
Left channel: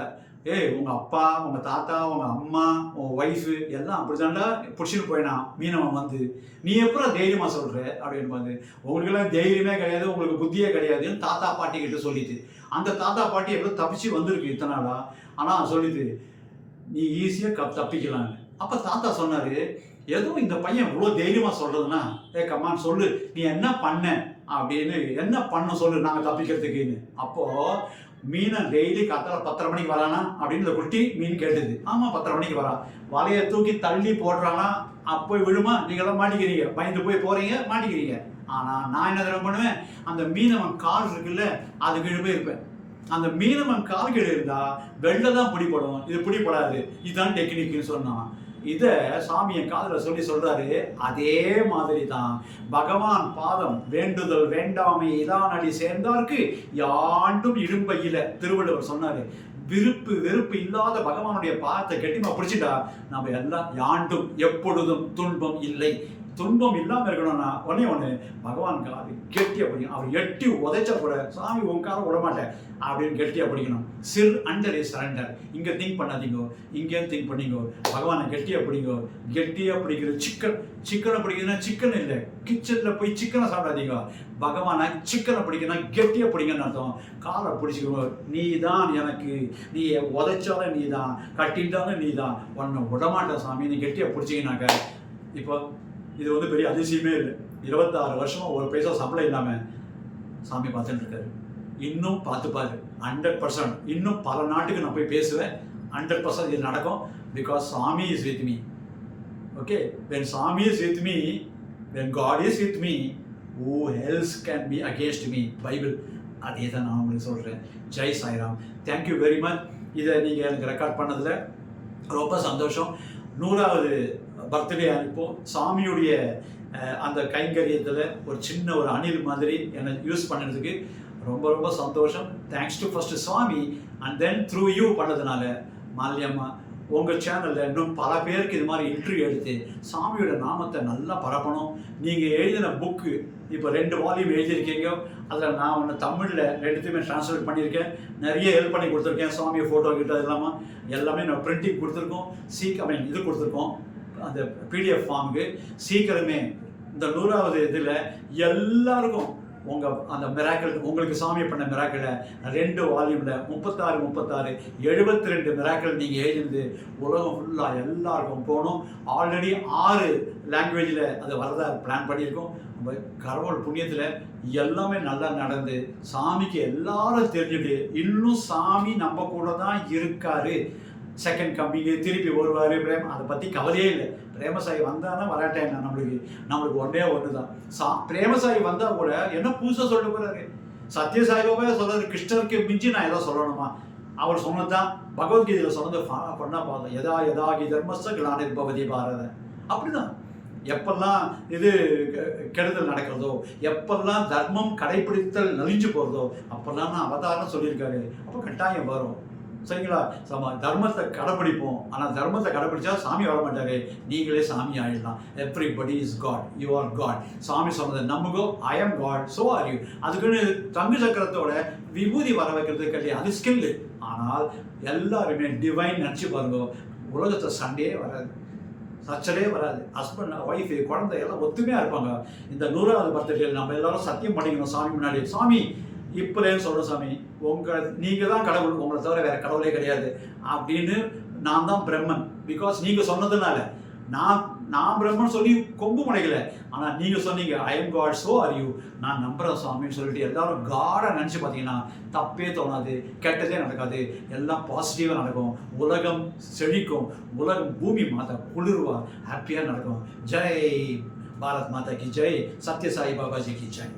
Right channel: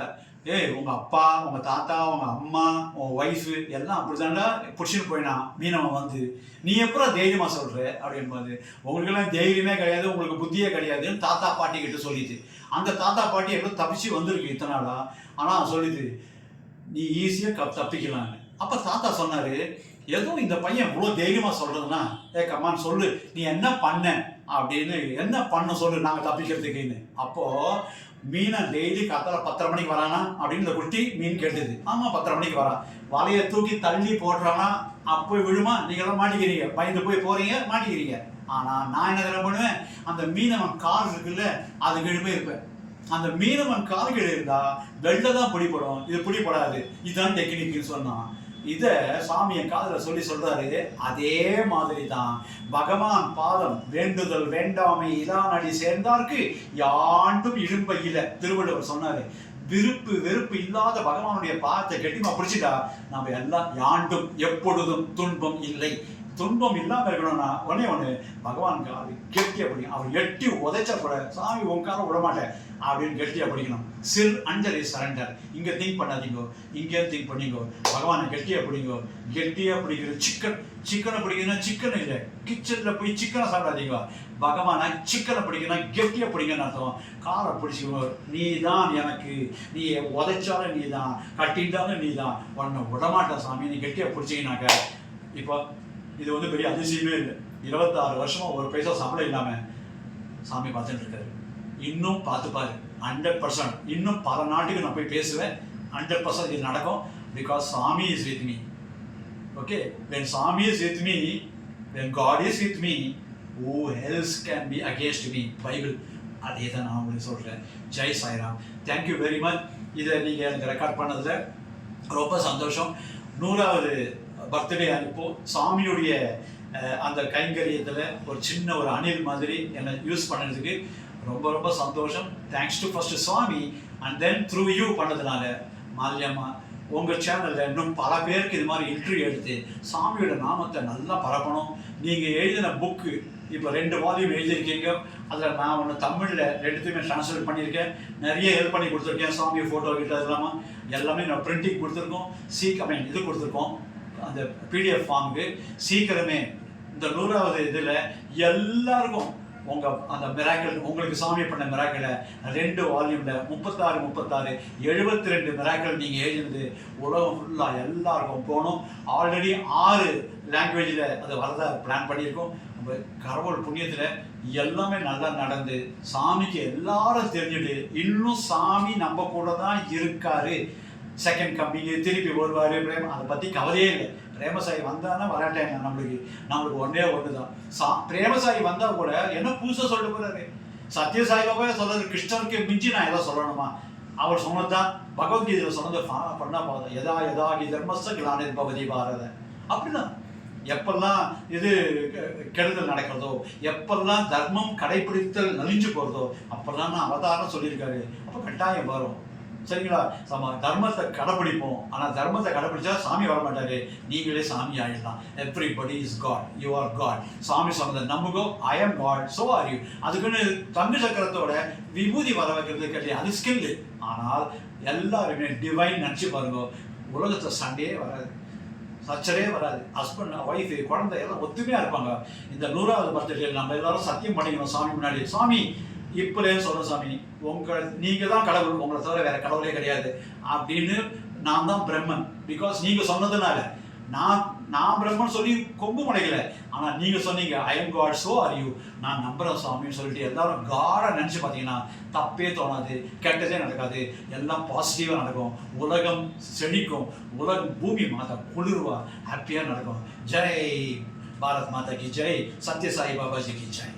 ஏய் உங்கள் அப்பா, உங்கள் தாத்தா, உங்கள் அம்மா, உங்கள் ஒய்ஃபு எல்லாம் அப்படி தாண்டா பிடிச்சின்னு போயினான் மீனவன் வந்து, நீ எப்பறம் தைரியமாக சொல்கிற அப்படின்னு வந்து, உங்களுக்கெல்லாம் தைரியமே கிடையாது, உங்களுக்கு புத்தியே கிடையாதுன்னு தாத்தா பாட்டி கிட்ட சொல்லிது. அந்த தாத்தா பாட்டி எப்படியோ தப்பிச்சு வந்திருக்கு இத்தனை நாளா. ஆனால் சொல்லிது நீ ஈஸியாக தப்பிக்கலான்னு. அப்போ தாத்தா சொன்னார், ஏதோ இந்த பையன் இவ்வளோ தைரியமாக சொல்கிறதுனா, கம்மான்னு சொல்லு நீ என்ன பண்ண அப்படின்னு, என்ன பண்ண சொல்லு நாங்கள் தப்பிக்கிறதுக்குன்னு. அப்போது மீனை டெய்லி காத்தால 10:30 மணிக்கு வரானா அப்படின்னு இந்த குட்டி மீன் கேட்டுது. ஆமாம் 10:30 மணிக்கு வரான். வலையை தூக்கி தள்ளி போடுறானா, அப்போ விழுமா, நீங்களாம் மாட்டிக்கிறீங்க, பயந்து போய் போகிறீங்க, மாட்டிக்கிறீங்க. ஆனால் நான் என்ன தடவை பண்ணுவேன், அந்த மீனவன் கால் இருக்குல்ல அது கீழே போய் இருப்பேன். அந்த மீனவன் கால் கீழே இருந்தால் வெளில தான் பிடிப்படும், இது பிடிப்படாது. இதுதான் டெக்னிக்னு சொன்னான். இதை சாமி என் காதில் சொல்கிறாரு. அதே மாதிரி தான் பகவான் பாதம் வேண்டுதல் வேண்டாமை இதான் அடி சேர்ந்தார்க்கு யாண்டும் இடும்பையில திருவள்ளுவர் சொன்னார். விருப்பு வெறுப்பு இல்லாத பகவானுடைய பாதத்தை கெட்டிமா பிடிச்சிட்டா நம்ம எல்லாம் யாண்டும் எப்பொழுதும் துன்பம் இல்லை. துன்பம் இல்லாமல் இருக்கணும்னா ஒன்று பகவான் காது கெட்டியாக பிடிக்கும். அவர் எட்டி உதைச்சா கூட சாமி உங்கார விடமாட்டேன் அப்படின்னு கெட்டியாக பிடிக்கணும். சிர் அண்டர் இஸ் சரண்டர். இங்கே திங்க் பண்ணாதீங்கோ, இங்கே திங்க் பண்ணிங்கோ, பகவானை கெட்டியாக பிடிங்கோ. கெட்டியாக பிடிக்கிறது சிக்கனை பிடிக்கணும்னா சிக்கன் இல்லை, கிச்சனில் போய் சிக்கனை சாப்பிடாதீங்க. பகவானை சிக்கனை பிடிக்கணும் கெட்டியாக பிடிங்கன்னு அர்த்தம். காலை பிடிச்சிக்கோ, நீ தான் எனக்கு, நீ உதைச்சாலும் நீ தான், கட்டிட்டாலும் நீ தான், ஒன்று விடமாட்டேன் சாமி நீ கெட்டியாக பிடிச்சிங்கனாக்க. இப்போ இது வந்து பெரிய அதிசயமே இல்லை. 26 வருஷமாக ஒரு பைசா சம்பளம் இல்லாமல் சாமி பார்த்துட்டு இருக்காரு. இன்னும் பார்த்துப்பாரு 100%. இன்னும் பல நாட்டுக்கு நான் போய் பேசுவேன். 100% இது நடக்கும். பிகாஸ் சாமி is with me. Okay, when சாமி is with me, when God is with me, who else can be against me? Bible அதே தான் நான் உங்களுக்கு சொல்கிறேன். Jai Sairam. Thank you very much. இதை நீங்கள் எனக்கு ரெக்கார்ட் பண்ணதில் ரொம்ப சந்தோஷம். 100வது பர்த்டே அனுப்போ சாமியுடைய அந்த கைங்கரியத்தில் ஒரு சின்ன ஒரு அணில் மாதிரி என்னை யூஸ் பண்ணுறதுக்கு ரொம்ப ரொம்ப சந்தோஷம். Thanks to first Swami and then through you பண்ணதுனால மால்யம்மா உங்கள் சேனலில் இன்னும் பல பேருக்கு இது மாதிரி இன்டர்வியூ எடுத்து சாமியோட நாமத்தை நல்லா பரப்பணும். நீங்கள் எழுதின புக்கு இப்போ 2 வால்யூம் எழுதியிருக்கீங்க. அதில் நான் ஒன்று தமிழில் 2த்தையுமே ட்ரான்ஸ்லேட் பண்ணியிருக்கேன். நிறைய ஹெல்ப் பண்ணி கொடுத்துருக்கேன். சாமியை ஃபோட்டோ கிட்ட இல்லாமல் எல்லாமே நான் பிரிண்டிங் கொடுத்துருக்கோம். இது கொடுத்துருக்கோம் அந்த பிடிஎஃப் ஃபார்முக்கு. சீக்கிரமே இந்த 100வது இதில் எல்லாருக்கும் அந்த மிராக்கிள் உங்களுக்கு சாமி பண்ண மிராக்கிளை 2 வால்யூமில் 36 72 மிராக்கிள் நீங்கள் எழுதினது உலகம் ஃபுல்லாக எல்லாருக்கும் போகணும். ஆல்ரெடி 6 லாங்குவேஜில் அது வரதா பிளான் பண்ணியிருக்கோம். நம்ம கடவுள் புண்ணியத்தில் எல்லாமே நல்லா நடந்து சாமிக்கு எல்லாரும் தெரிஞ்சுட்டு இன்னும் சாமி நம்ம கூட தான் இருக்காரு. செகண்ட் கம்பிங்கு திருப்பி வருவார். அதை பற்றி கவலையே இல்லை. பிரேமசாயி வந்தானா வராட்டேன் நம்மளுக்கு ஒன்றே ஒன்று தான். பிரேமசாயி வந்தால் கூட என்ன புதுசாக சொல்ல போகிறாரு? சத்யசாய் பாபா சொல்கிறாரு, கிருஷ்ணருக்கு மிஞ்சி நான் ஏதோ சொல்லணுமா? அவர் சொன்னது தான் பகவத்கீதையில் சொன்னதை பண்ணால் பார்த்தோம். எதா யதாகி தர்மஸ்த கிளானிர் பவதி பாரத. அப்படிதான் எப்பெல்லாம் இது கெடுதல் நடக்கிறதோ, எப்பெல்லாம் தர்மம் கடைபிடித்தல் நலிஞ்சு போகிறதோ அப்பெல்லாம் நான் அவதாரம் சொல்லியிருக்காரு. அப்போ கட்டாயம் வரும். சரிங்களா? தர்மத்தை கடைப்பிடிப்போம். ஆனால் தர்மத்தை கடைப்பிடிச்சா சாமி வர மாட்டாரு, நீங்களே சாமி ஆயிடலாம். Everybody is God, you are God. சாமி சொன்னதை நம்புகோ, I am God, so are you. அதுக்குன்னு தங்கு சக்கரத்தோட விபூதி வர வைக்கிறது கிடையாது, அது ஸ்கில்லு. ஆனால் எல்லாருமே டிவைன் நினச்சி பாருங்க, உலகத்தை சண்டையே வராது, சச்சரவே வராது. ஹஸ்பண்ட் ஒய்ஃபு குழந்தை எல்லாம் ஒத்துமையாக இருப்பாங்க. இந்த 100வது பர்த்டே நம்ம எல்லாரும் சத்தியம் பண்ணிக்கணும் சாமி முன்னாடி. சாமி இப்போலேயும் சொல்கிறேன், சாமி நீங்கள் தான் கடவுள், உங்களை தவிர வேறு கடவுளே கிடையாது அப்படின்னு. நான் தான் பிரம்மன், பிகாஸ் நீங்கள் சொன்னதுனால. நான் பிரம்மன் சொல்லி கொம்பு முடைக்கல, ஆனால் நீங்கள் சொன்னீங்க I am God, so are you. நான் நம்புகிறேன் சாமின்னு சொல்லிட்டு எல்லாரும் காடை நினச்சி பார்த்தீங்கன்னா தப்பே தோணாது, கெட்டதே நடக்காது, எல்லாம் பாசிட்டிவாக நடக்கும். உலகம் செழிக்கும், உலகம் பூமி மாதா குளிர்வா, ஹாப்பியாக நடக்கும். ஜெய் பாரத் மாதா கி ஜெய், சத்யசாய் பாபாஜி கி ஜெய்.